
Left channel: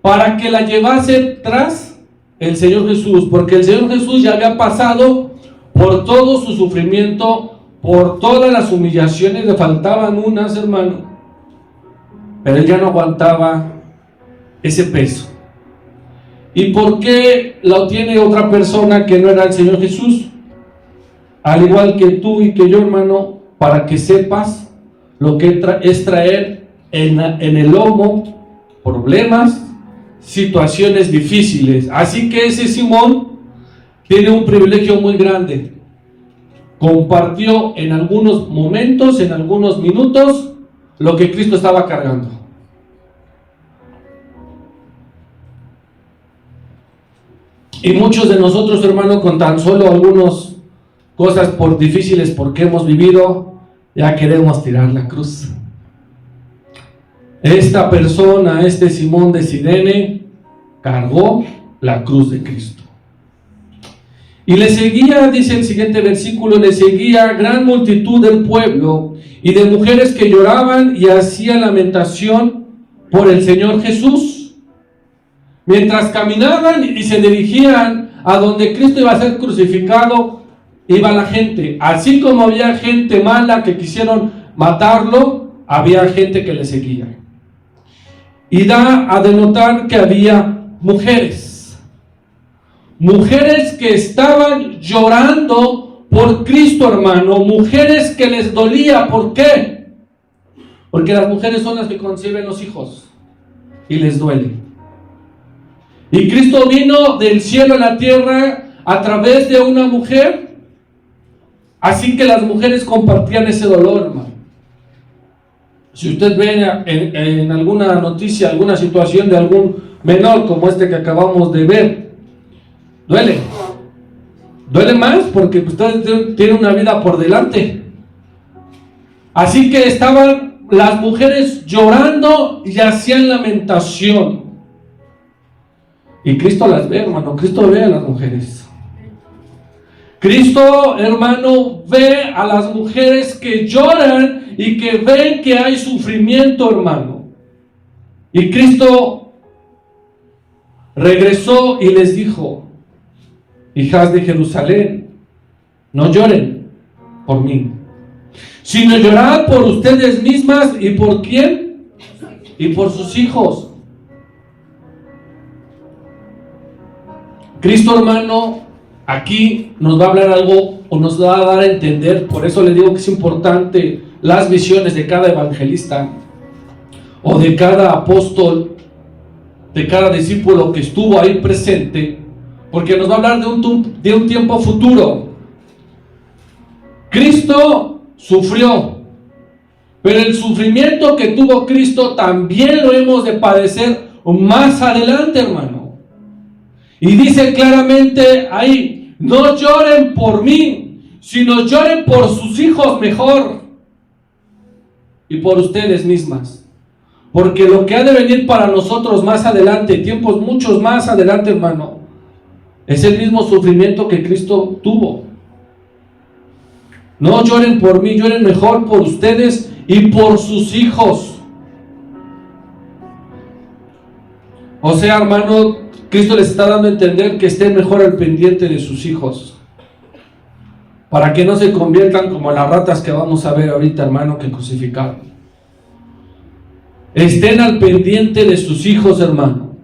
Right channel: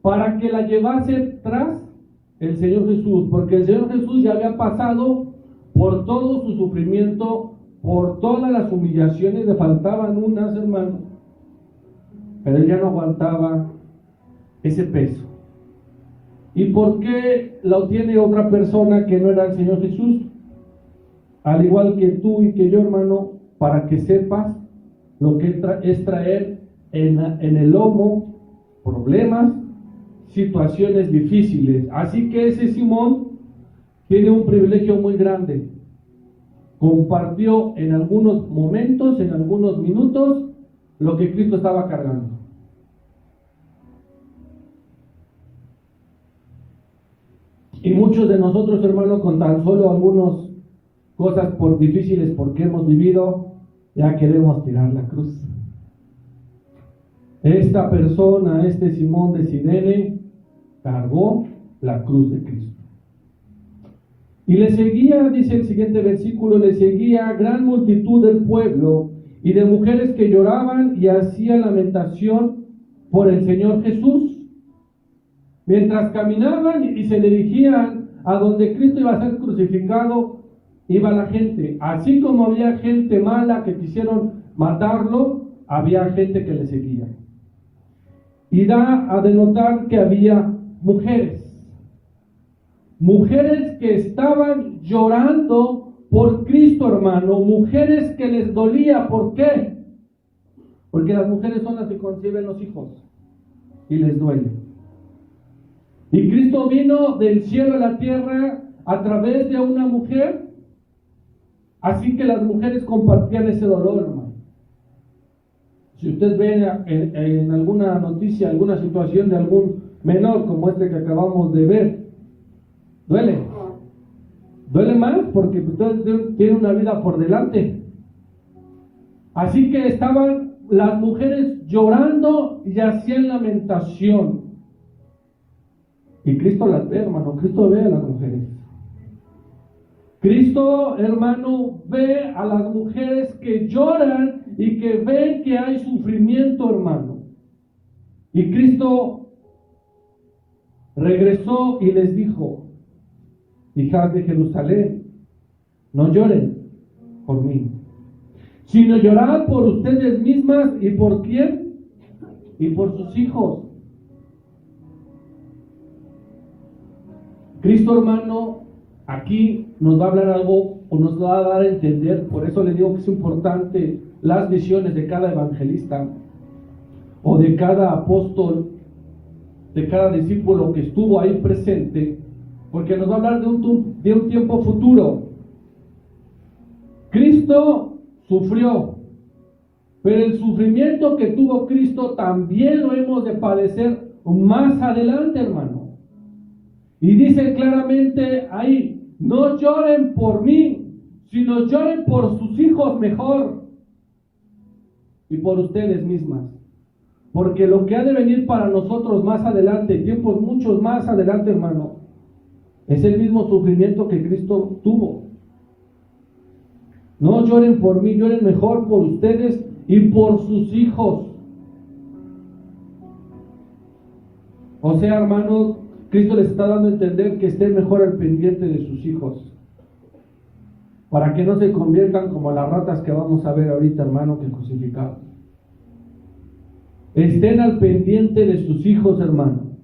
para que la llevase tras el Señor Jesús, porque el Señor Jesús ya había pasado por todo su sufrimiento, por todas las humillaciones. Le faltaban unas, hermano, pero él ya no aguantaba ese peso. ¿Y por qué lo tiene otra persona que no era el Señor Jesús? Al igual que tú y que yo, hermano, para que sepas lo que es traer en el lomo problemas, situaciones difíciles. Así que ese Simón tiene un privilegio muy grande. Compartió en algunos momentos, en algunos minutos, lo que Cristo estaba cargando. Y muchos de nosotros, hermano, con tan solo algunas cosas por difíciles porque hemos vivido, ya queremos tirar la cruz. Esta persona, este Simón de Cirene, cargó la cruz de Cristo. Y le seguía, dice el siguiente versículo, le seguía gran multitud del pueblo y de mujeres que lloraban y hacían lamentación por el Señor Jesús. Mientras caminaban y se dirigían a donde Cristo iba a ser crucificado, iba la gente. Así como había gente mala que quisieron matarlo, había gente que le seguía. Y da a denotar que había mujeres que estaban llorando por Cristo, hermano, mujeres que les dolía. ¿Por qué? Porque las mujeres son las que conciben los hijos y les duele. Y Cristo vino del cielo a la tierra a través de una mujer, así que las mujeres compartían ese dolor, hermano. Si usted ve en alguna noticia, alguna situación de algún menor como este que acabamos de ver, duele. Duele más porque usted tiene una vida por delante. Así que estaban las mujeres llorando y hacían lamentación. Y Cristo las ve, hermano. Cristo ve a las mujeres. Cristo, hermano, ve a las mujeres que lloran y que ven que hay sufrimiento, hermano. Y Cristo regresó y les dijo: hijas de Jerusalén, no lloren por mí, sino llorad por ustedes mismas. ¿Y por quién? Y por sus hijos. Cristo, hermano, aquí nos va a hablar algo o nos va a dar a entender. Por eso le digo que es importante las visiones de cada evangelista o de cada apóstol, de cada discípulo que estuvo ahí presente, porque nos va a hablar de un tiempo futuro. Cristo sufrió, pero el sufrimiento que tuvo Cristo también lo hemos de padecer más adelante, hermano. Y dice claramente ahí: no lloren por mí, sino lloren por sus hijos mejor y por ustedes mismas. Porque lo que ha de venir para nosotros más adelante, tiempos muchos más adelante, hermano, es el mismo sufrimiento que Cristo tuvo. No lloren por mí, lloren mejor por ustedes y por sus hijos. O sea, hermano, Cristo les está dando a entender que estén mejor al pendiente de sus hijos, para que no se conviertan como las ratas que vamos a ver ahorita, hermano, que crucificaron. Estén al pendiente de sus hijos, hermano,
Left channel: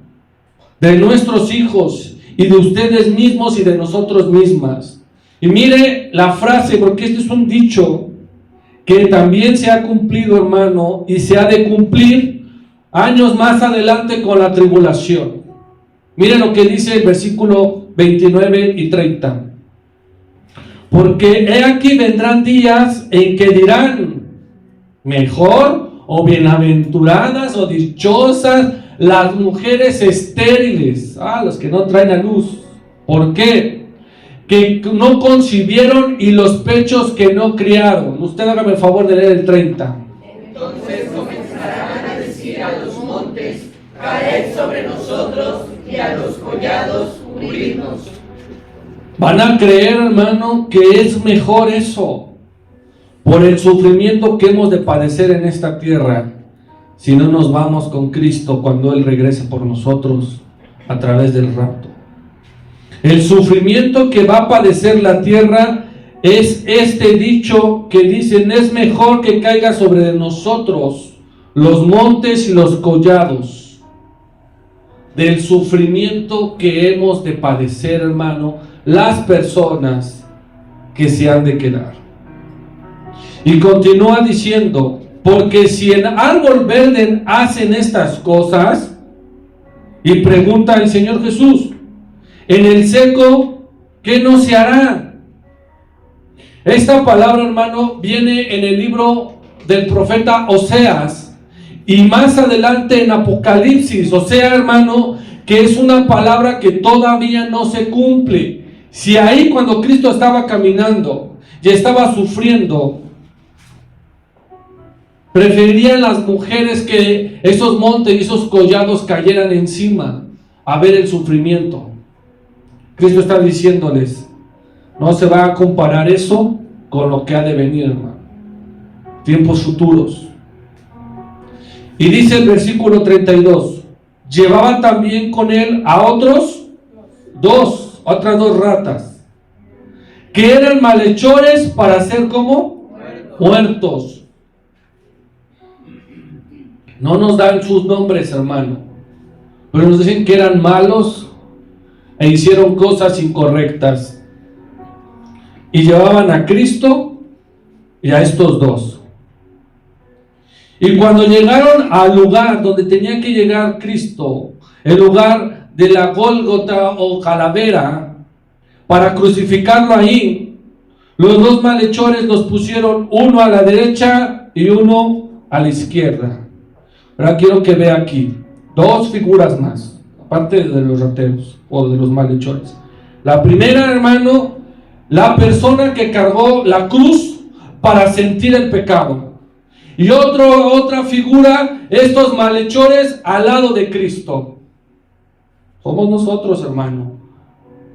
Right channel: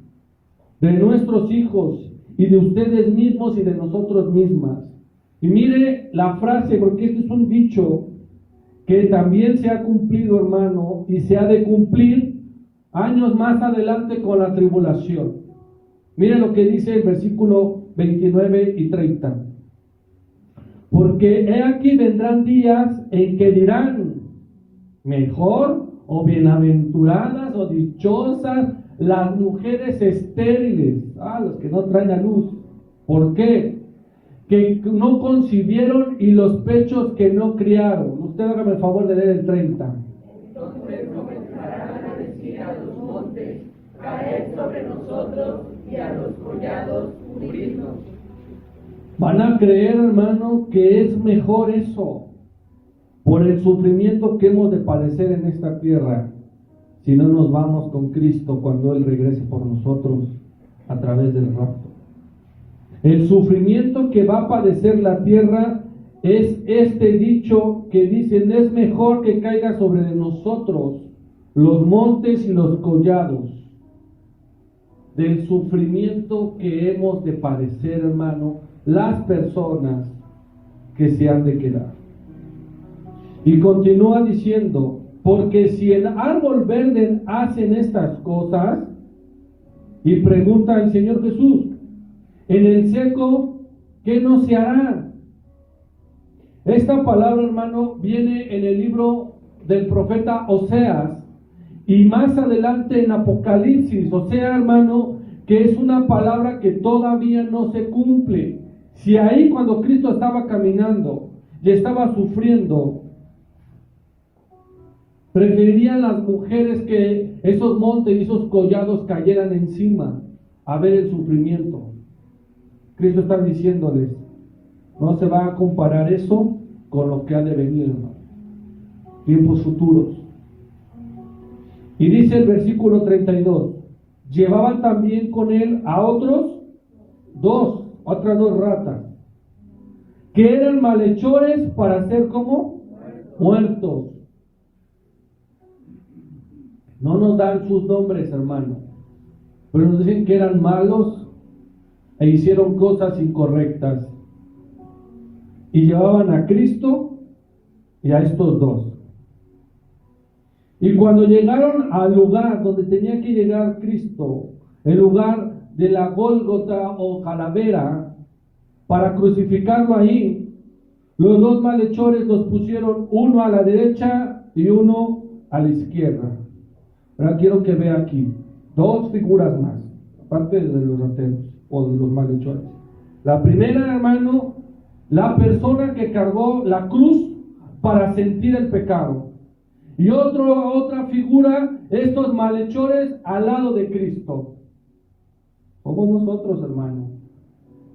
de nuestros hijos y de ustedes mismos y de nosotros mismas. Y mire la frase, porque este es un dicho que también se ha cumplido, hermano, y se ha de cumplir años más adelante con la tribulación. Mire lo que dice el versículo 29 y 30. Porque he aquí vendrán días en que dirán: mejor o bienaventuradas o dichosas las mujeres estériles, los que no traen a luz. ¿Por qué? Que no concibieron y los pechos que no criaron. Usted hágame el favor de leer el 30. Entonces comenzarán a decir a los montes: caed sobre nosotros, y a los collados cubrirnos. Van a creer, hermano, que es mejor eso, por el sufrimiento que hemos de padecer en esta tierra, si no nos vamos con Cristo cuando Él regrese por nosotros a través del rapto. El sufrimiento que va a padecer la tierra es este dicho que dicen: es mejor que caiga sobre nosotros los montes y los collados. del sufrimiento que hemos de padecer, hermano, las personas que se han de quedar. Y continúa diciendo, porque si en árbol verde hacen estas cosas, y pregunta el Señor Jesús, en el seco, ¿qué no se hará? Esta palabra, hermano, viene en el libro del profeta Oseas, y más adelante en Apocalipsis. O sea, hermano, que es una palabra que todavía no se cumple. Si ahí cuando Cristo estaba caminando y estaba sufriendo, preferirían las mujeres que esos montes y esos collados cayeran encima a ver el sufrimiento. Cristo está diciéndoles, no se va a comparar eso con lo que ha de venir, hermano. Tiempos futuros. Y dice el versículo 32, llevaba también con él a otras dos ratas, que eran malhechores para ser como muertos. No nos dan sus nombres, hermano, pero nos dicen que eran malos e hicieron cosas incorrectas. Y llevaban a Cristo y a estos dos. Y cuando llegaron al lugar donde tenía que llegar Cristo, el lugar de la Gólgota o calavera, para crucificarlo ahí, los dos malhechores los pusieron uno a la derecha y uno a la izquierda. Ahora quiero que vea aquí dos figuras más, aparte de los rateros o de los malhechores. La primera, hermano, la persona que cargó la cruz para sentir el pecado. Y otra figura, estos malhechores al lado de Cristo. Somos nosotros, hermano,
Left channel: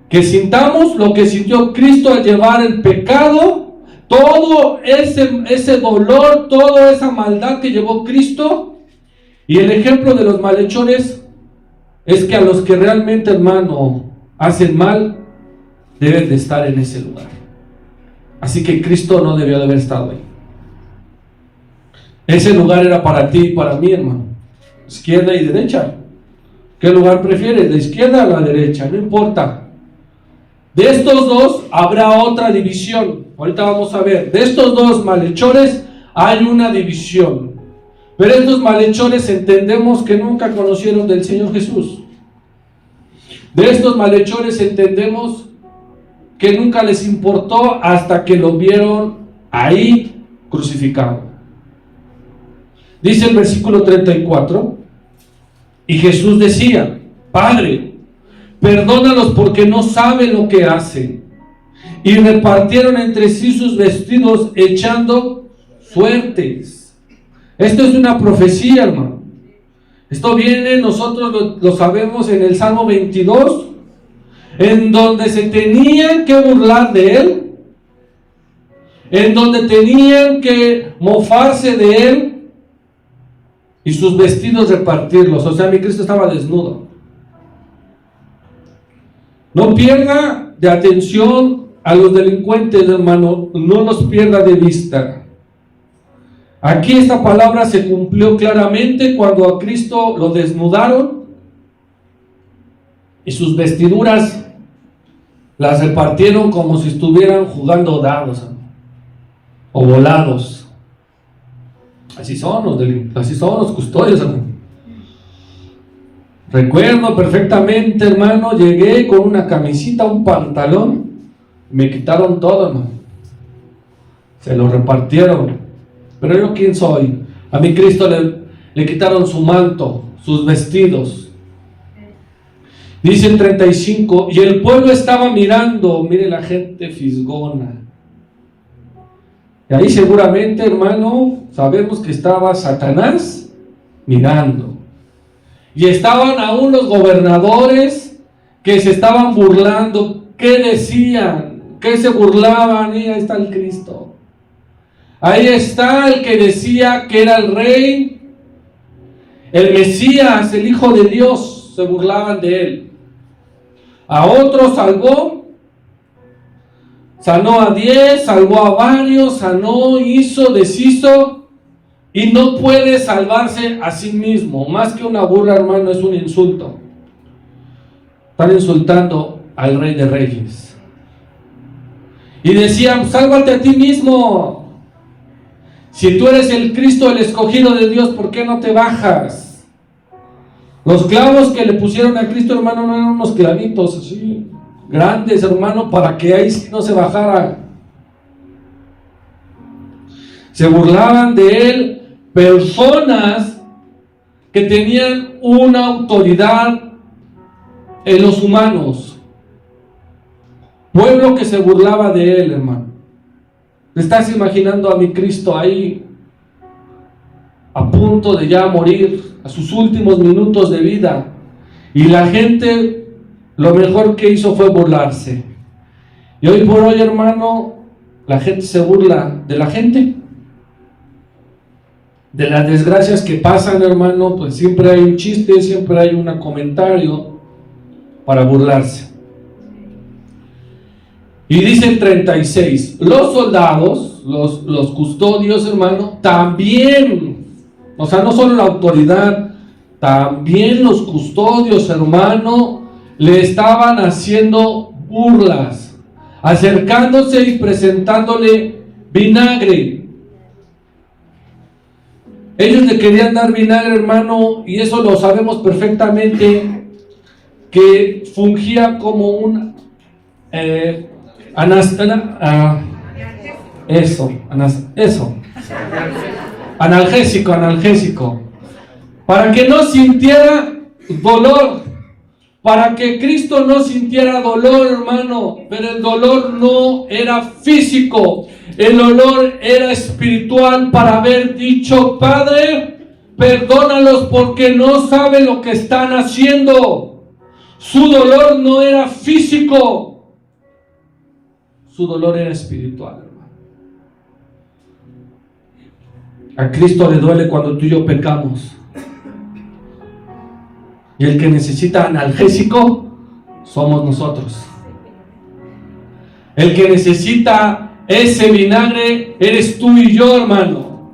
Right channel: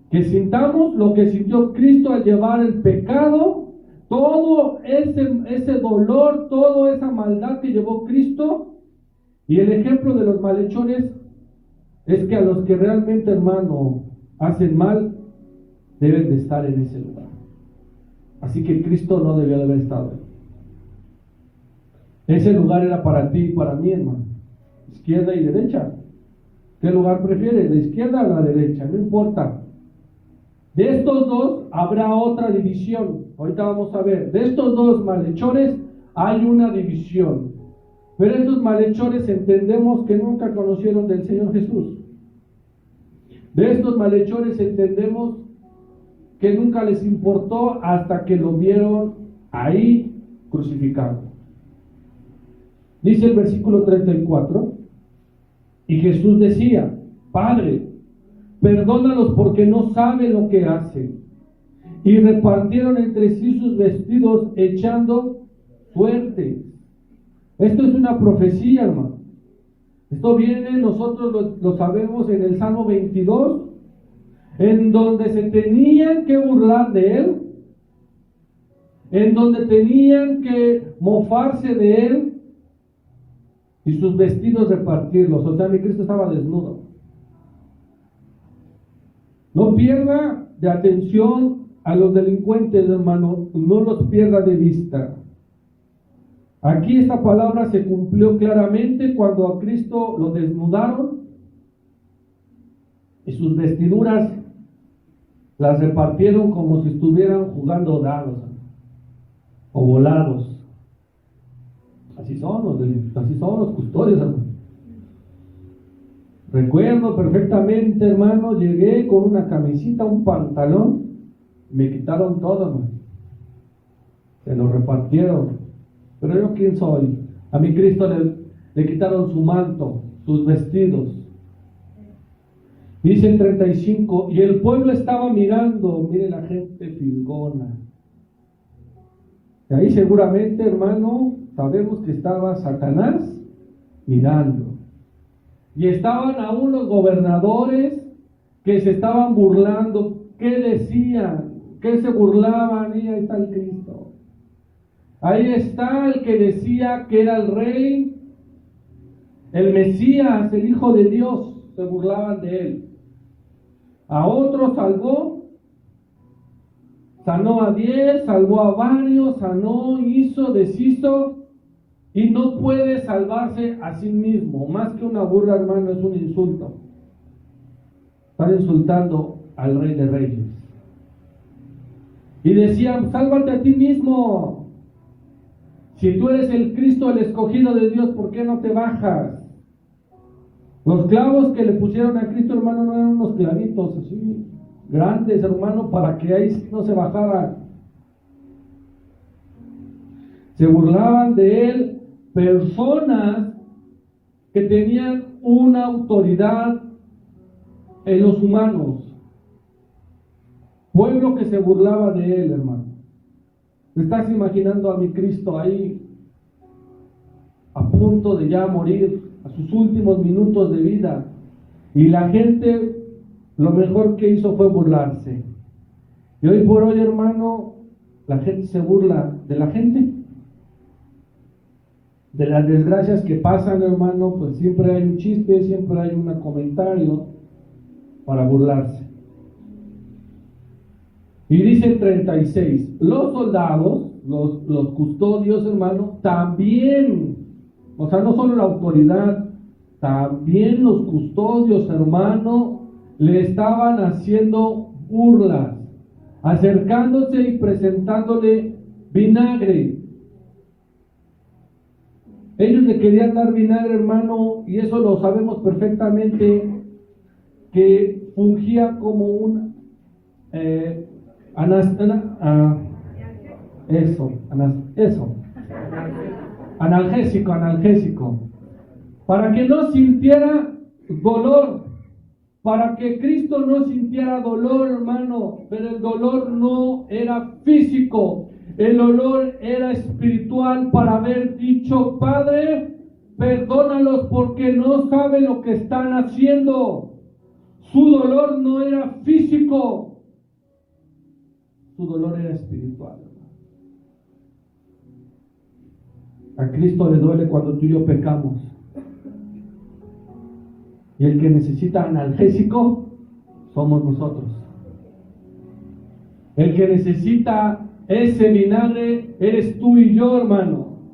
que sintamos lo que sintió Cristo al llevar el pecado, todo ese dolor, toda esa maldad que llevó Cristo. Y el ejemplo de los malhechores es que a los que realmente, hermano, hacen mal, deben de estar en ese lugar. Así que Cristo no debió de haber estado ahí. Ese lugar era para ti y para mí, hermano. Izquierda y derecha. ¿Qué lugar prefieres? ¿La izquierda o la derecha? No importa. De estos dos habrá otra división. Ahorita vamos a ver. De estos dos malhechores hay una división. Pero estos malhechores entendemos que nunca conocieron del Señor Jesús. De estos malhechores entendemos que nunca les importó hasta que lo vieron ahí crucificado. Dice el versículo 34, y Jesús decía, Padre, perdónalos porque no saben lo que hacen. Y repartieron entre sí sus vestidos echando suertes. Esto es una profecía, hermano. Esto viene, nosotros lo sabemos en el Salmo 22, en donde se tenían que burlar de él, en donde tenían que mofarse de él y sus vestidos repartirlos. O sea, mi Cristo estaba desnudo. No pierda de atención a los delincuentes, hermano, no los pierda de vista. Aquí esta palabra se cumplió claramente cuando a Cristo lo desnudaron y sus vestiduras las repartieron como si estuvieran jugando dados o volados. Así son los custodios, hermano. Recuerdo perfectamente, hermano, llegué con una camisita, un pantalón, me quitaron todo, hermano. Se lo repartieron. Pero yo, ¿quién soy? A mi Cristo le quitaron su manto, sus vestidos. Dice el 35, y el pueblo estaba mirando, mire la gente fisgona. Y ahí seguramente, hermano, sabemos que estaba Satanás mirando. Y estaban aún los gobernadores que se estaban burlando. ¿Qué decían? ¿Qué se burlaban? Y ahí está el Cristo. Ahí está el que decía que era el rey, el Mesías, el Hijo de Dios. Se burlaban de él. A otros salvó, sanó a 10, salvó a varios, sanó, hizo, deshizo, y no puede salvarse a sí mismo. Más que una burla, hermano, es un insulto. Están insultando al Rey de Reyes. Y decían, sálvate a ti mismo. Si tú eres el Cristo, el escogido de Dios, ¿por qué no te bajas? Los clavos que le pusieron a Cristo, hermano, no eran unos clavitos así, grandes, hermano, para que ahí sí no se bajara. Se burlaban de él personas que tenían una autoridad en los humanos. Pueblo que se burlaba de él, hermano. ¿Te estás imaginando a mi Cristo ahí, a punto de ya morir, a sus últimos minutos de vida? Y la gente, lo mejor que hizo fue burlarse. Y hoy por hoy, hermano, la gente se burla de la gente. De las desgracias que pasan, hermano, pues siempre hay un chiste, siempre hay un comentario para burlarse. Y dice el 36, los soldados, los custodios, hermano, también, o sea, no solo la autoridad, también los custodios, hermano, le estaban haciendo burlas, acercándose y presentándole vinagre. Ellos le querían dar vinagre, hermano, y eso lo sabemos perfectamente, que fungía como un analgésico, para que no sintiera dolor, para que Cristo no sintiera dolor, hermano. Pero el dolor no era físico, el dolor era espiritual, para haber dicho: Padre, perdónalos porque no saben lo que están haciendo. Su dolor no era físico, su dolor era espiritual, hermano. A Cristo le duele cuando tú y yo pecamos. Y el que necesita analgésico somos nosotros. El que necesita ese vinagre eres tú y yo, hermano.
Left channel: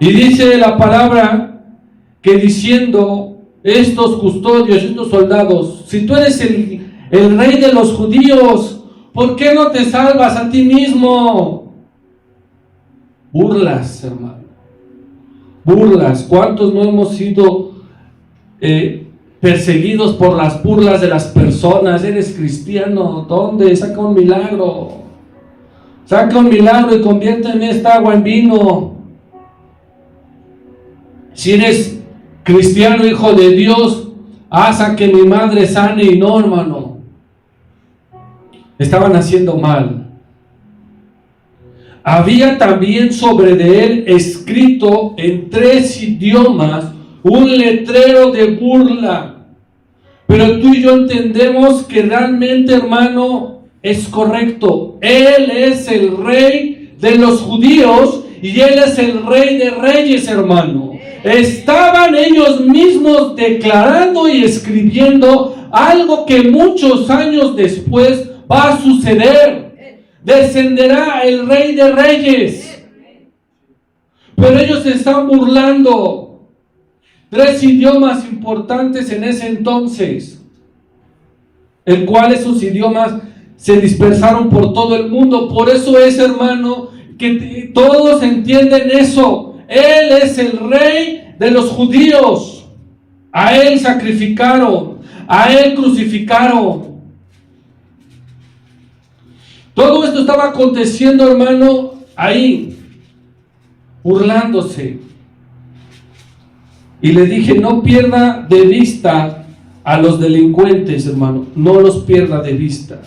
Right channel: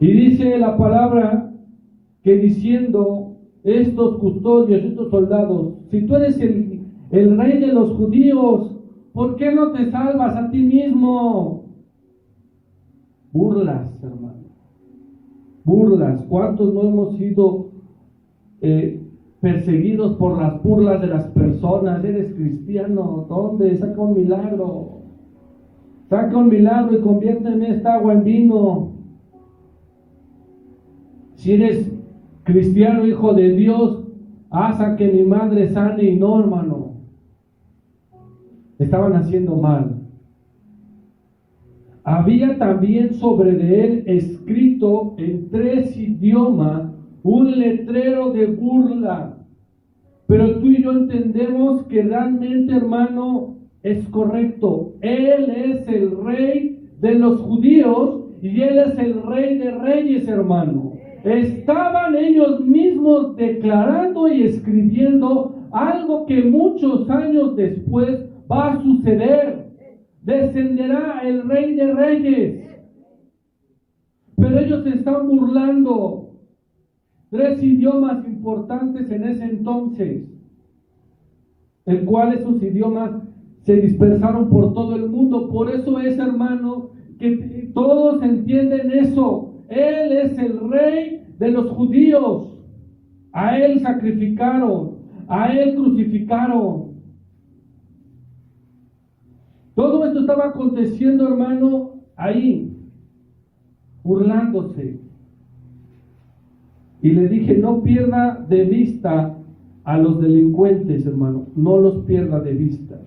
Y dice la palabra que diciendo estos custodios, estos soldados: si tú eres el rey de los judíos, ¿por qué no te salvas a ti mismo? Burlas, hermano. Burlas. ¿Cuántos no hemos sido perseguidos por las burlas de las personas? ¿Eres cristiano? ¿Dónde? Saca un milagro. Saca un milagro y conviérteme esta agua en vino. Si eres cristiano, hijo de Dios, haz a que mi madre sane. Y no, hermano. Estaban haciendo mal. Había también sobre de él escrito en 3 idiomas un letrero de burla. Pero tú y yo entendemos que realmente, hermano, es correcto. Él es el rey de los judíos y él es el rey de reyes, hermano. Estaban ellos mismos declarando y escribiendo algo que muchos años después va a suceder. Descenderá el rey de reyes. Pero ellos se están burlando. 3 idiomas importantes en ese entonces, el cual esos idiomas se dispersaron por todo el mundo. Por eso es, hermano, que todos entienden eso. Él es el rey de los judíos. A él sacrificaron, a él crucificaron. Todo esto estaba aconteciendo, hermano, ahí, burlándose. Y le dije: no pierda de vista a los delincuentes, hermano, no los pierda de vista.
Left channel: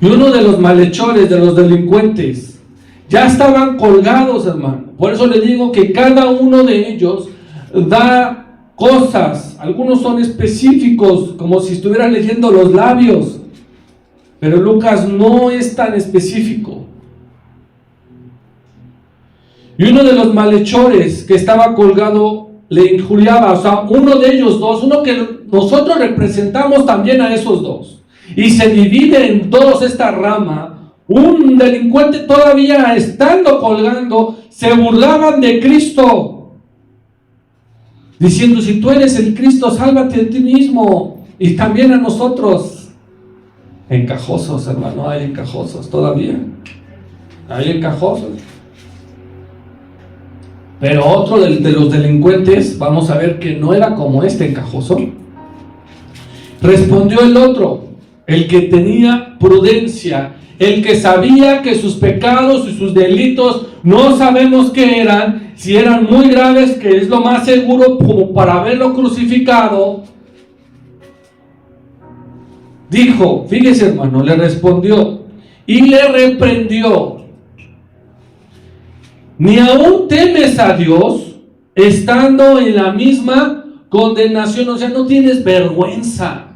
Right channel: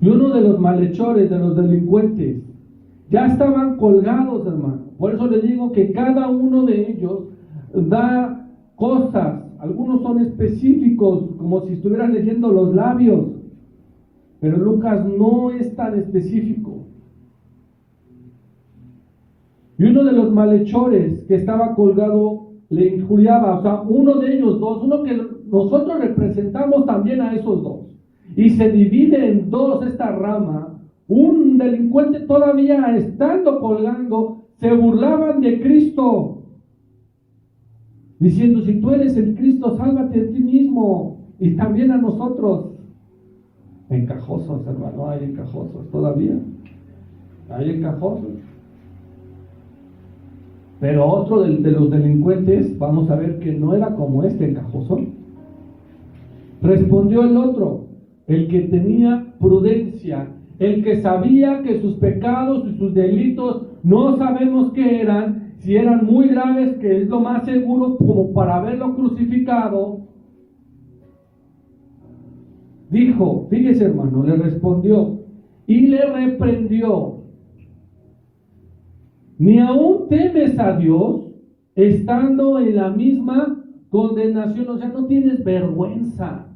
Y uno de los malhechores, de los delincuentes, ya estaban colgados, hermano. Por eso le digo que cada uno de ellos da cosas. Algunos son específicos, como si estuvieran leyendo los labios. Pero Lucas no es tan específico. Y uno de los malhechores que estaba colgado le injuriaba, o sea, uno de ellos dos, uno que nosotros representamos también a esos dos. Y se divide en dos esta rama. Un delincuente todavía estando colgando, se burlaban de Cristo. diciendo: si tú eres el Cristo, sálvate a ti mismo y también a nosotros. Encajosos, hermano, hay encajosos todavía. Hay encajosos. Pero otro de los delincuentes, vamos a ver que no era como este encajoso. Respondió el otro, el que tenía prudencia, el que sabía que sus pecados y sus delitos no sabemos qué eran, si eran muy graves, que es lo más seguro como para haberlo crucificado. Dijo, fíjese hermano, le respondió y le reprendió: ¿ni aún temes a Dios estando en la misma condenación? O sea, no tienes vergüenza.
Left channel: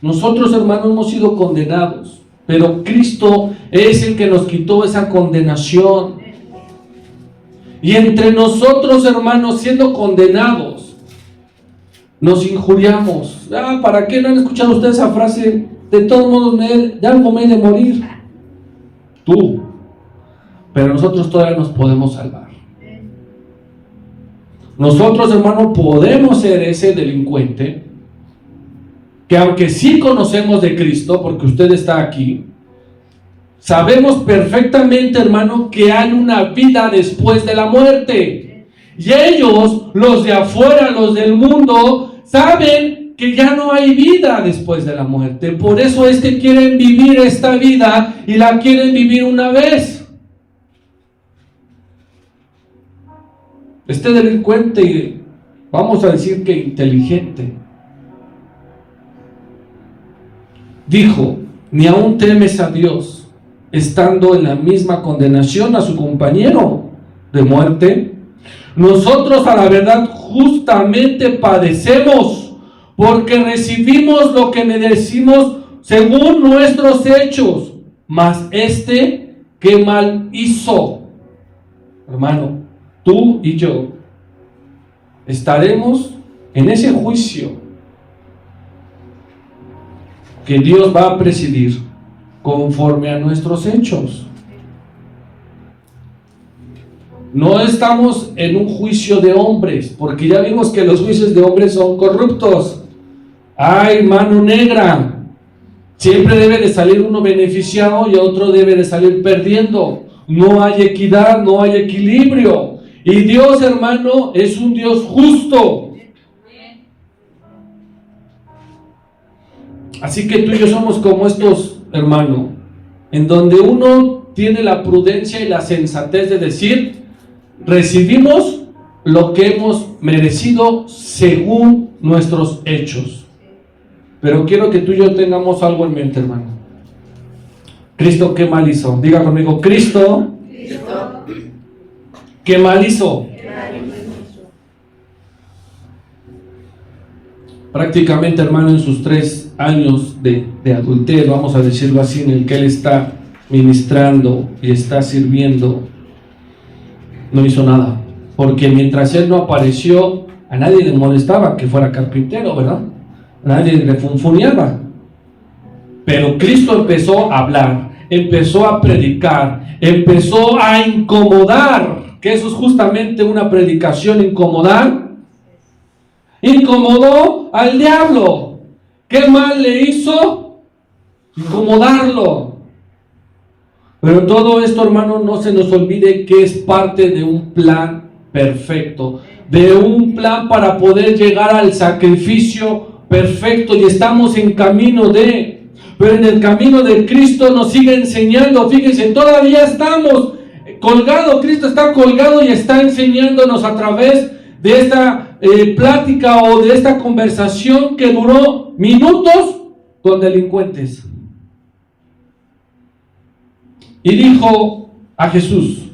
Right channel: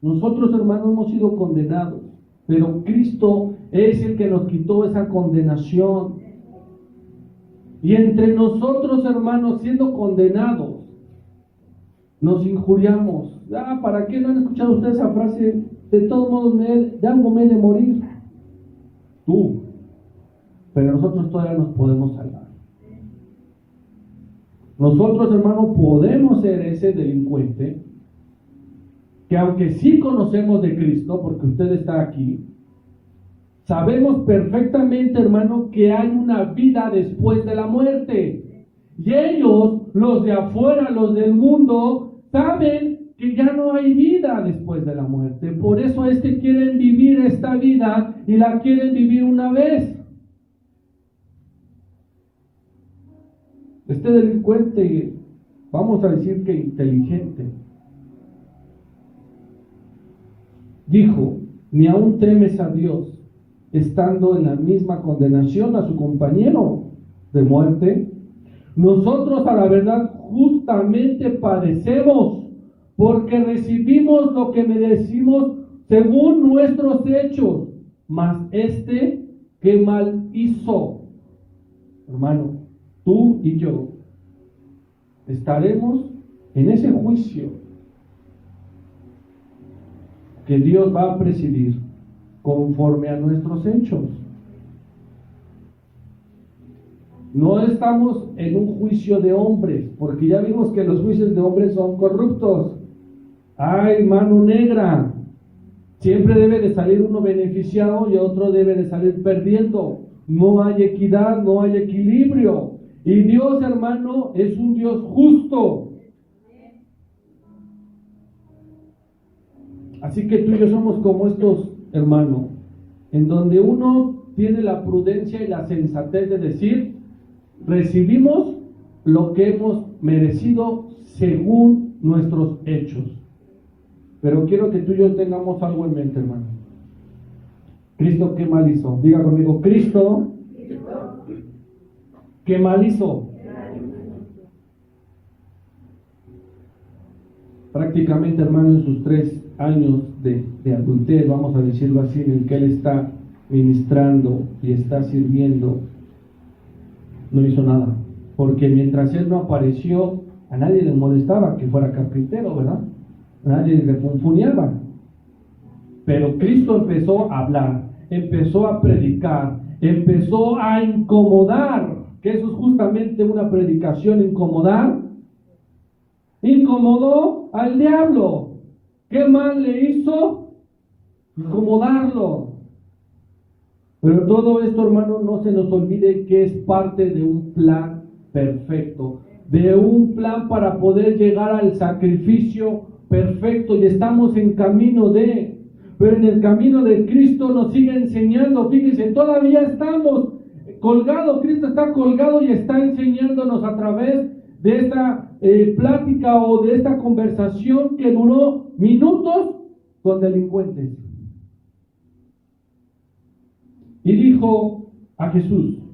Nosotros, hermanos, hemos sido condenados, pero Cristo es el que nos quitó esa condenación. Y entre nosotros, hermanos, siendo condenados, nos injuriamos. ¿Para qué no han escuchado ustedes esa frase? De todos modos, de algo me he de morir. Tú. Pero nosotros todavía nos podemos salvar. Nosotros, hermano, podemos ser ese delincuente que, aunque sí conocemos de Cristo, porque usted está aquí, sabemos perfectamente, hermano, que hay una vida después de la muerte. Y ellos, los de afuera, los del mundo, saben que ya no hay vida después de la muerte. Por eso es que quieren vivir esta vida y la quieren vivir una vez. Este delincuente, vamos a decir que inteligente, dijo: ¿ni aún temes a Dios estando en la misma condenación a su compañero de muerte? Nosotros a la verdad justamente padecemos, porque recibimos lo que merecimos según nuestros hechos, mas este qué mal hizo. Hermano, tú y yo estaremos en ese juicio que Dios va a presidir conforme a nuestros hechos. No estamos en un juicio de hombres, porque ya vimos que los juicios de hombres son corruptos. Hay mano negra. Siempre debe de salir uno beneficiado y otro debe de salir perdiendo. No hay equidad, no hay equilibrio. Y Dios, hermano, es un Dios justo. Así que tú y yo somos como estos, hermano, en donde uno tiene la prudencia y la sensatez de decir: recibimos lo que hemos merecido según nuestros hechos. Pero quiero que tú y yo tengamos algo en mente, hermano. Cristo, ¿qué mal hizo? Diga conmigo: Cristo, ¿qué mal hizo? Prácticamente, hermano, en sus 3 años de adulterio, vamos a decirlo así, en el que él está ministrando y está sirviendo, no hizo nada. Porque mientras él no apareció, a nadie le molestaba que fuera carpintero, ¿verdad? A nadie le funfuneaba. Pero Cristo empezó a hablar, empezó a predicar, empezó a incomodar, que eso es justamente una predicación, incomodar. Incomodó al diablo. ¿Qué mal le hizo? Incomodarlo. Pero todo esto, hermano, no se nos olvide que es parte de un plan perfecto, de un plan para poder llegar al sacrificio perfecto, y estamos en camino de, pero en el camino de Cristo nos sigue enseñando. Fíjense, todavía estamos colgados, Cristo está colgado y está enseñándonos a través de esta plática o de esta conversación que duró minutos con delincuentes. Y dijo a Jesús:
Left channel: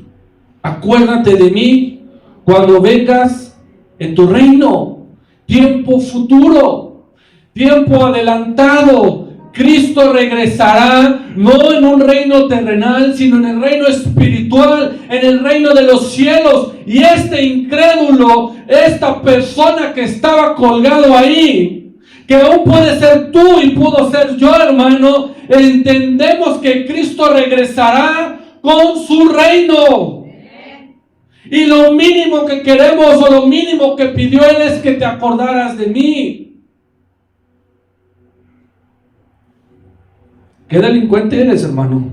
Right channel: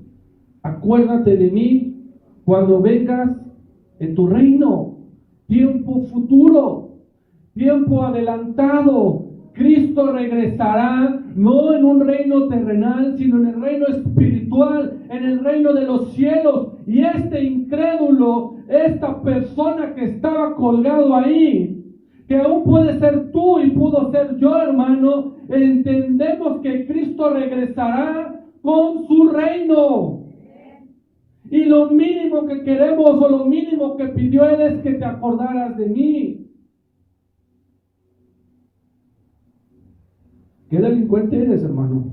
acuérdate de mí cuando vengas en tu reino. Tiempo futuro, tiempo adelantado. Cristo regresará no en un reino terrenal, sino en el reino espiritual, en el reino de los cielos. Y este incrédulo, esta persona que estaba colgado ahí, que aún puede ser tú y pudo ser yo, hermano, entendemos que Cristo regresará con su reino. Y lo mínimo que queremos o lo mínimo que pidió Él es que te acordaras de mí. ¿Qué delincuente eres, hermano?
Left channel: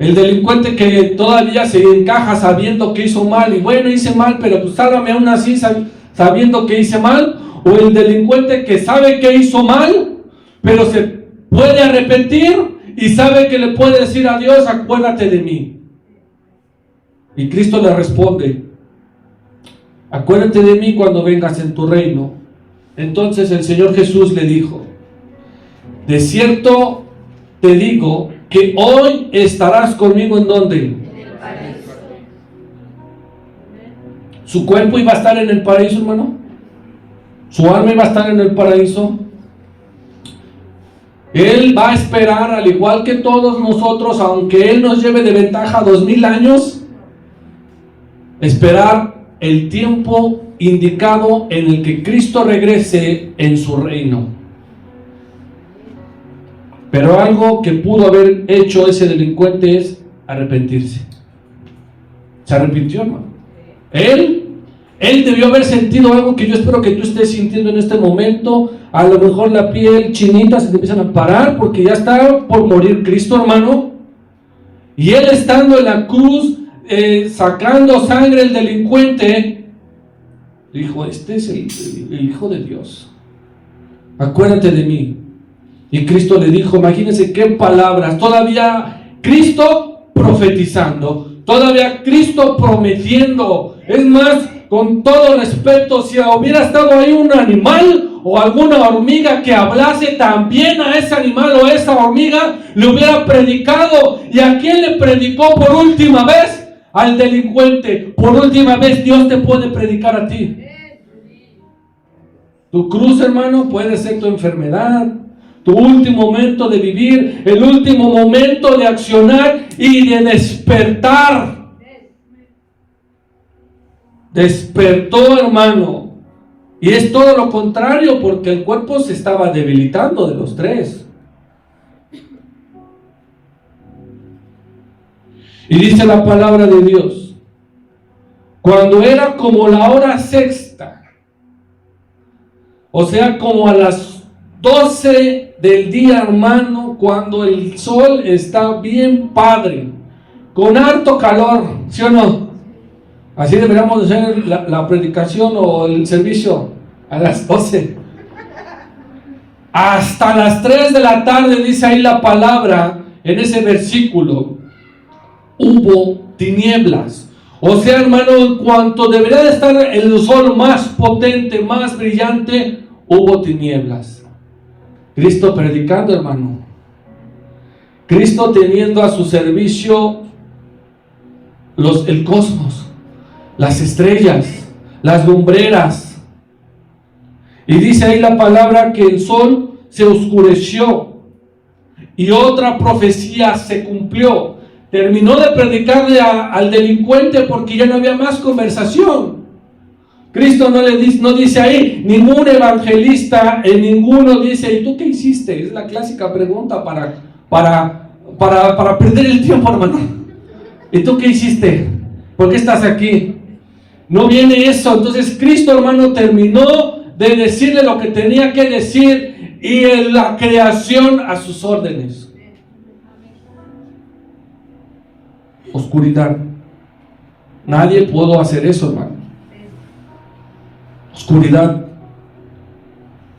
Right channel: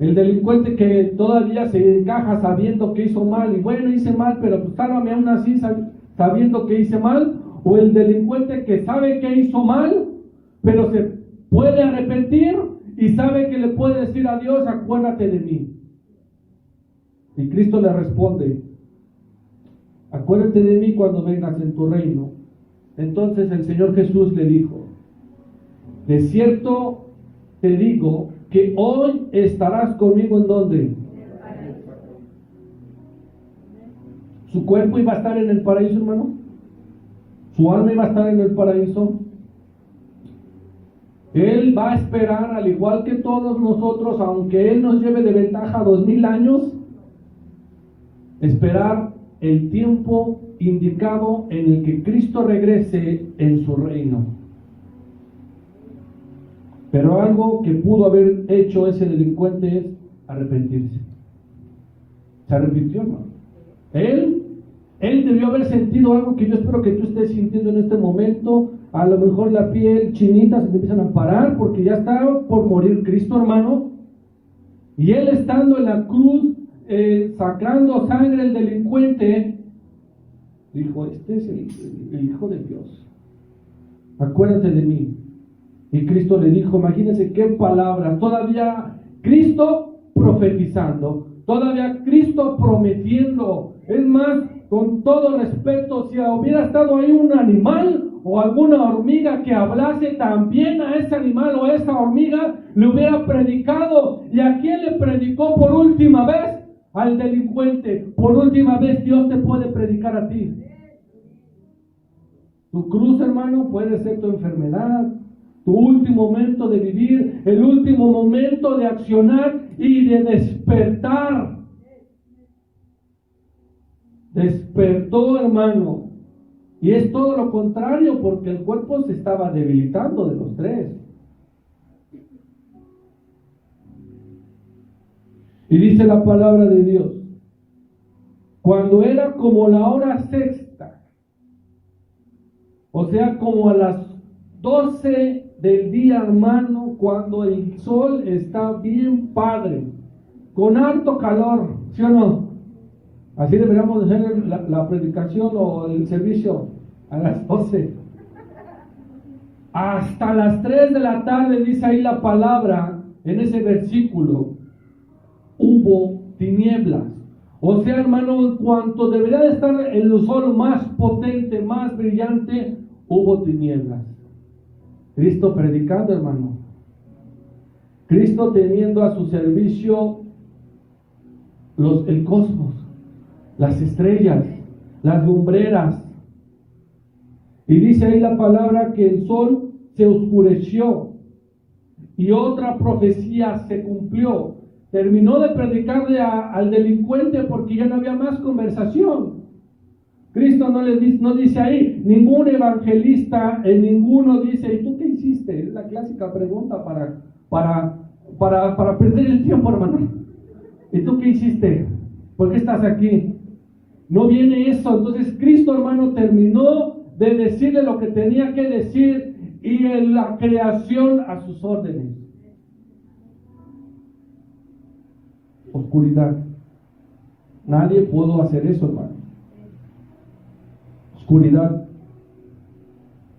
El delincuente que todavía se encaja sabiendo que hizo mal. Y bueno, hice mal, pero pues sálvame aún así sabiendo que hice mal. O el delincuente que sabe que hizo mal, pero se puede arrepentir y sabe que le puede decir a Dios, acuérdate de mí. Y Cristo le responde, acuérdate de mí cuando vengas en tu reino. Entonces el Señor Jesús le dijo, de cierto te digo que hoy estarás conmigo ¿en dónde? En el paraíso. ¿Su cuerpo iba a estar en el paraíso, hermano? ¿Su alma iba a estar en el paraíso? Él va a esperar, al igual que todos nosotros, aunque Él nos lleve de ventaja 2000 años, esperar el tiempo indicado en el que Cristo regrese en su reino. Pero algo que pudo haber hecho ese delincuente es arrepentirse. Se arrepintió, hermano. Él debió haber sentido algo que yo espero que tú estés sintiendo en este momento. A lo mejor la piel chinita se te empiezan a parar porque ya está por morir Cristo, hermano. Y Él estando en la cruz, sacando sangre el delincuente, dijo, este es el Hijo de Dios. Acuérdate de mí. Y Cristo le dijo, imagínense qué palabras, todavía Cristo profetizando, todavía Cristo prometiendo. Es más, con todo respeto, si hubiera estado ahí un animal o alguna hormiga que hablase, también a ese animal o a esa hormiga le hubiera predicado. ¿Y a quién le predicó por última vez? Al delincuente. Por última vez Dios te puede predicar a ti. Tu cruz, hermano, puede ser tu enfermedad, tu último momento de vivir, el último momento de accionar y de despertar. Despertó, hermano. Y es todo lo contrario, porque el cuerpo se estaba debilitando de los tres. Y dice la palabra de Dios, cuando era como la hora sexta, o sea, como a las 12 del día, hermano, cuando el sol está bien padre, con harto calor, ¿sí o no? Así deberíamos hacer la predicación o el servicio a las 12. Hasta las 3 de la tarde, dice ahí la palabra, en ese versículo, hubo tinieblas. O sea, hermano, en cuanto debería de estar el sol más potente, más brillante, hubo tinieblas. Cristo predicando, hermano. Cristo teniendo a su servicio el cosmos, las estrellas, las lumbreras. Y dice ahí la palabra que el sol se oscureció y otra profecía se cumplió. Terminó de predicarle al delincuente porque ya no había más conversación. Cristo no dice ahí, ningún evangelista, en ninguno dice, ¿y tú qué hiciste? Es la clásica pregunta para perder el tiempo, hermano. ¿Y tú qué hiciste? ¿Por qué estás aquí? No viene eso. Entonces Cristo, hermano, terminó de decirle lo que tenía que decir y en la creación a sus órdenes. Oscuridad. Nadie pudo hacer eso, hermano. Oscuridad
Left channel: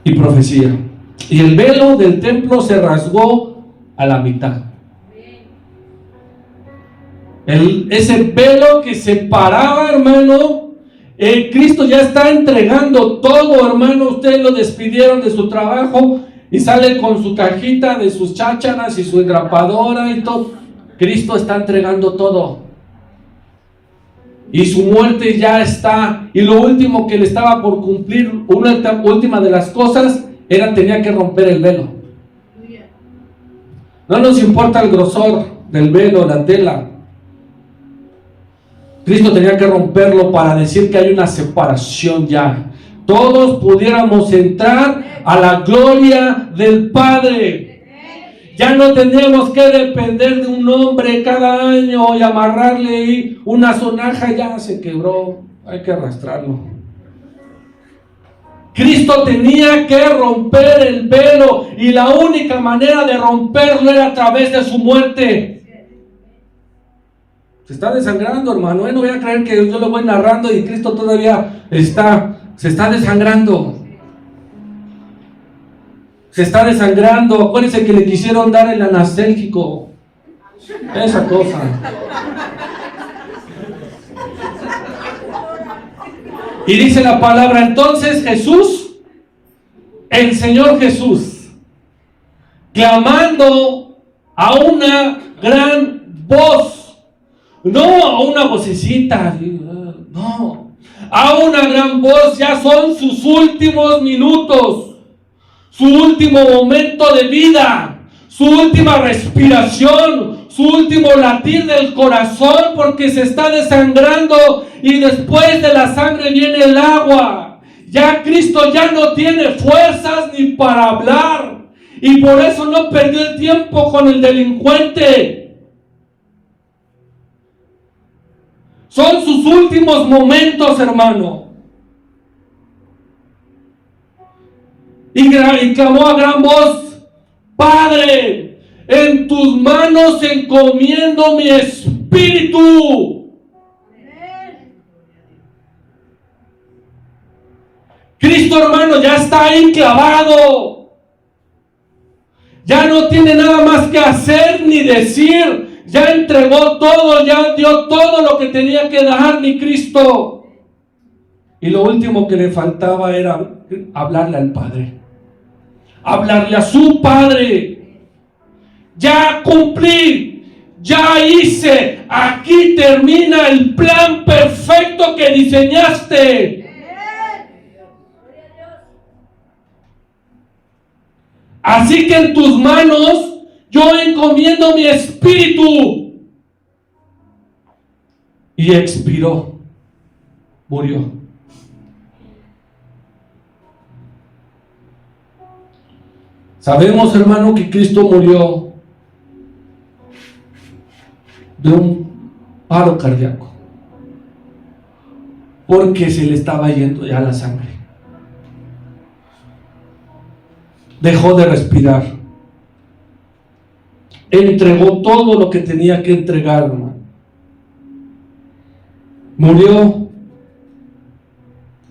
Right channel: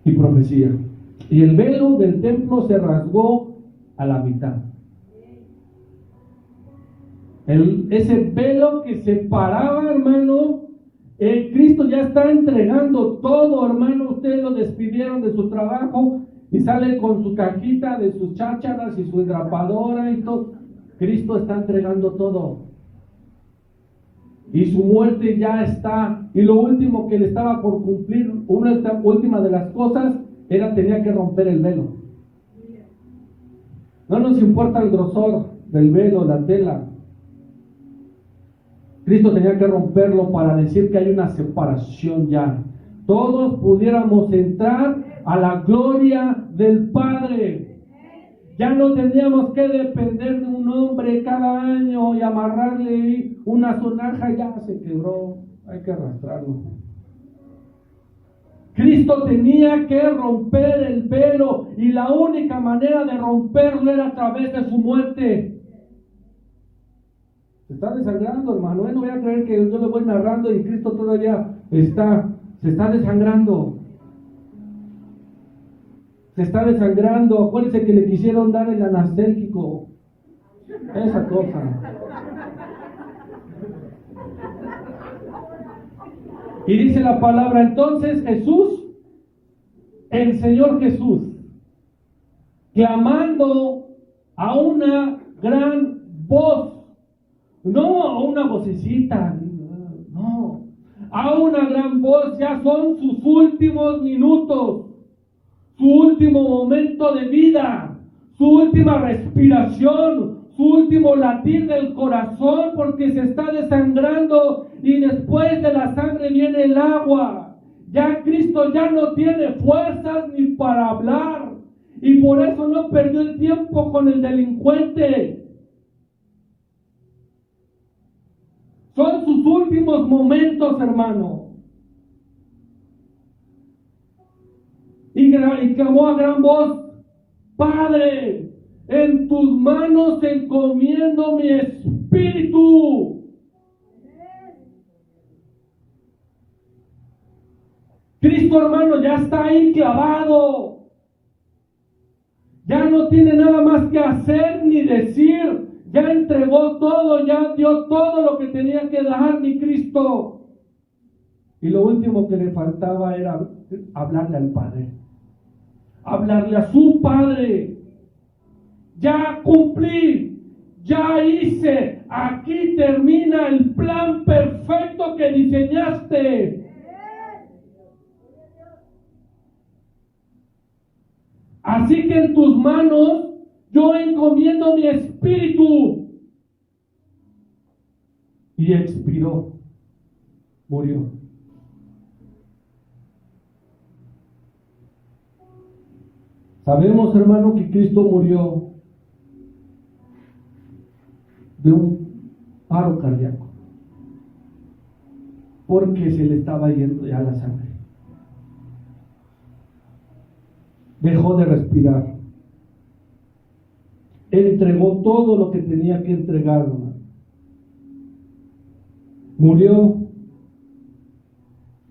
y profecía. Y el velo del templo se rasgó a la mitad. Ese velo que separaba, hermano, Cristo ya está entregando todo, hermano. Ustedes lo despidieron de su trabajo y sale con su cajita de sus chácharas y su engrapadora y todo. Cristo está entregando todo. Y su muerte ya está. Y lo último que le estaba por cumplir, una última de las cosas, tenía que romper el velo. No nos importa el grosor del velo, la tela. Cristo tenía que romperlo para decir que hay una separación ya. Todos pudiéramos entrar a la gloria del Padre. Ya no tendríamos que depender de un hombre cada año y amarrarle ahí una sonaja, ya se quebró, hay que arrastrarlo. Cristo tenía que romper el velo y la única manera de romperlo era a través de su muerte. Se está desangrando, hermano. No voy a creer que yo lo voy narrando y Cristo todavía se está desangrando. Se está desangrando. Acuérdense que le quisieron dar el anastélgico. Esa cosa. Y dice la palabra, entonces Jesús, el Señor Jesús, clamando a una gran voz, no a una vocecita, no, a una gran voz, ya son sus últimos minutos, su último momento de vida, su última respiración, su último latir del corazón, porque se está desangrando y después de la sangre viene el agua. Ya Cristo ya no tiene fuerzas ni para hablar y por eso no perdió el tiempo con el delincuente. Son sus últimos momentos, hermano. Y clamó a gran voz, Padre, en tus manos encomiendo mi espíritu. Cristo, hermano, ya está ahí clavado. Ya no tiene nada más que hacer ni decir. Ya entregó todo, ya dio todo lo que tenía que dar mi Cristo. Y lo último que le faltaba era hablarle al Padre. Hablarle a su Padre. Ya cumplí, ya hice. Aquí termina el plan perfecto que diseñaste. Así que en tus manos yo encomiendo mi espíritu. Y expiró, murió. Sabemos, hermano, que Cristo murió de un paro cardíaco, porque se le estaba yendo ya la sangre. Dejó de respirar. Entregó todo lo que tenía que entregar, hermano. Murió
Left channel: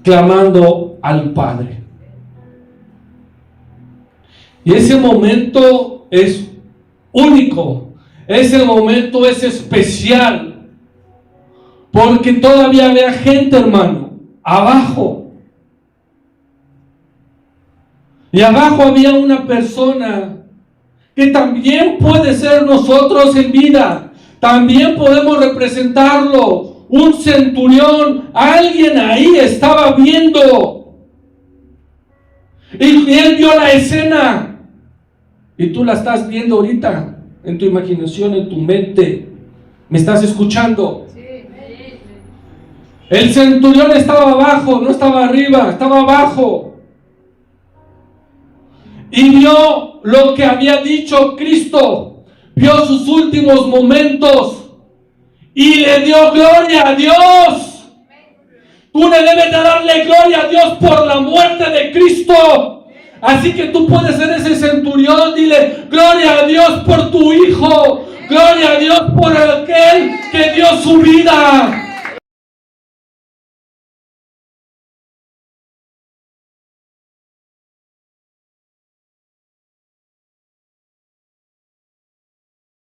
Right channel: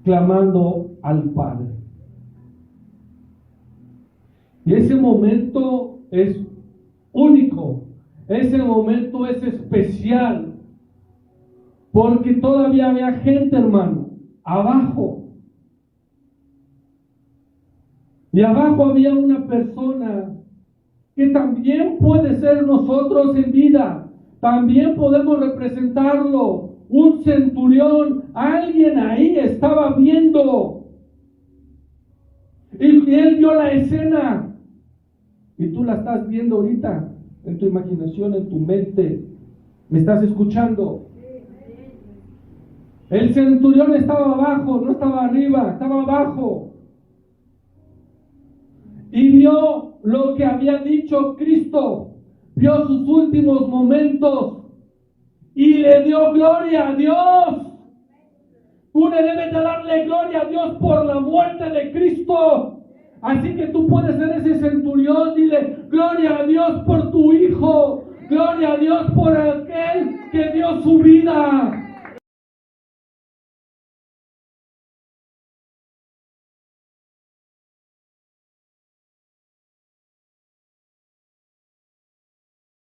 clamando al Padre. Y ese momento es único. Ese momento es especial. Porque todavía había gente, hermano, abajo. Y abajo había una persona que también puede ser nosotros en vida. También podemos representarlo. Un centurión, alguien ahí estaba viendo. Y él vio la escena. Y tú la estás viendo ahorita, en tu imaginación, en tu mente. ¿Me estás escuchando? El centurión estaba abajo, no estaba arriba, estaba abajo. Y vio lo que había dicho Cristo, vio sus últimos momentos y le dio gloria a Dios. Tú le debes de darle gloria a Dios por la muerte de Cristo. Así que tú puedes ser ese centurión, dile gloria a Dios por tu hijo, gloria a Dios por aquel que dio su vida.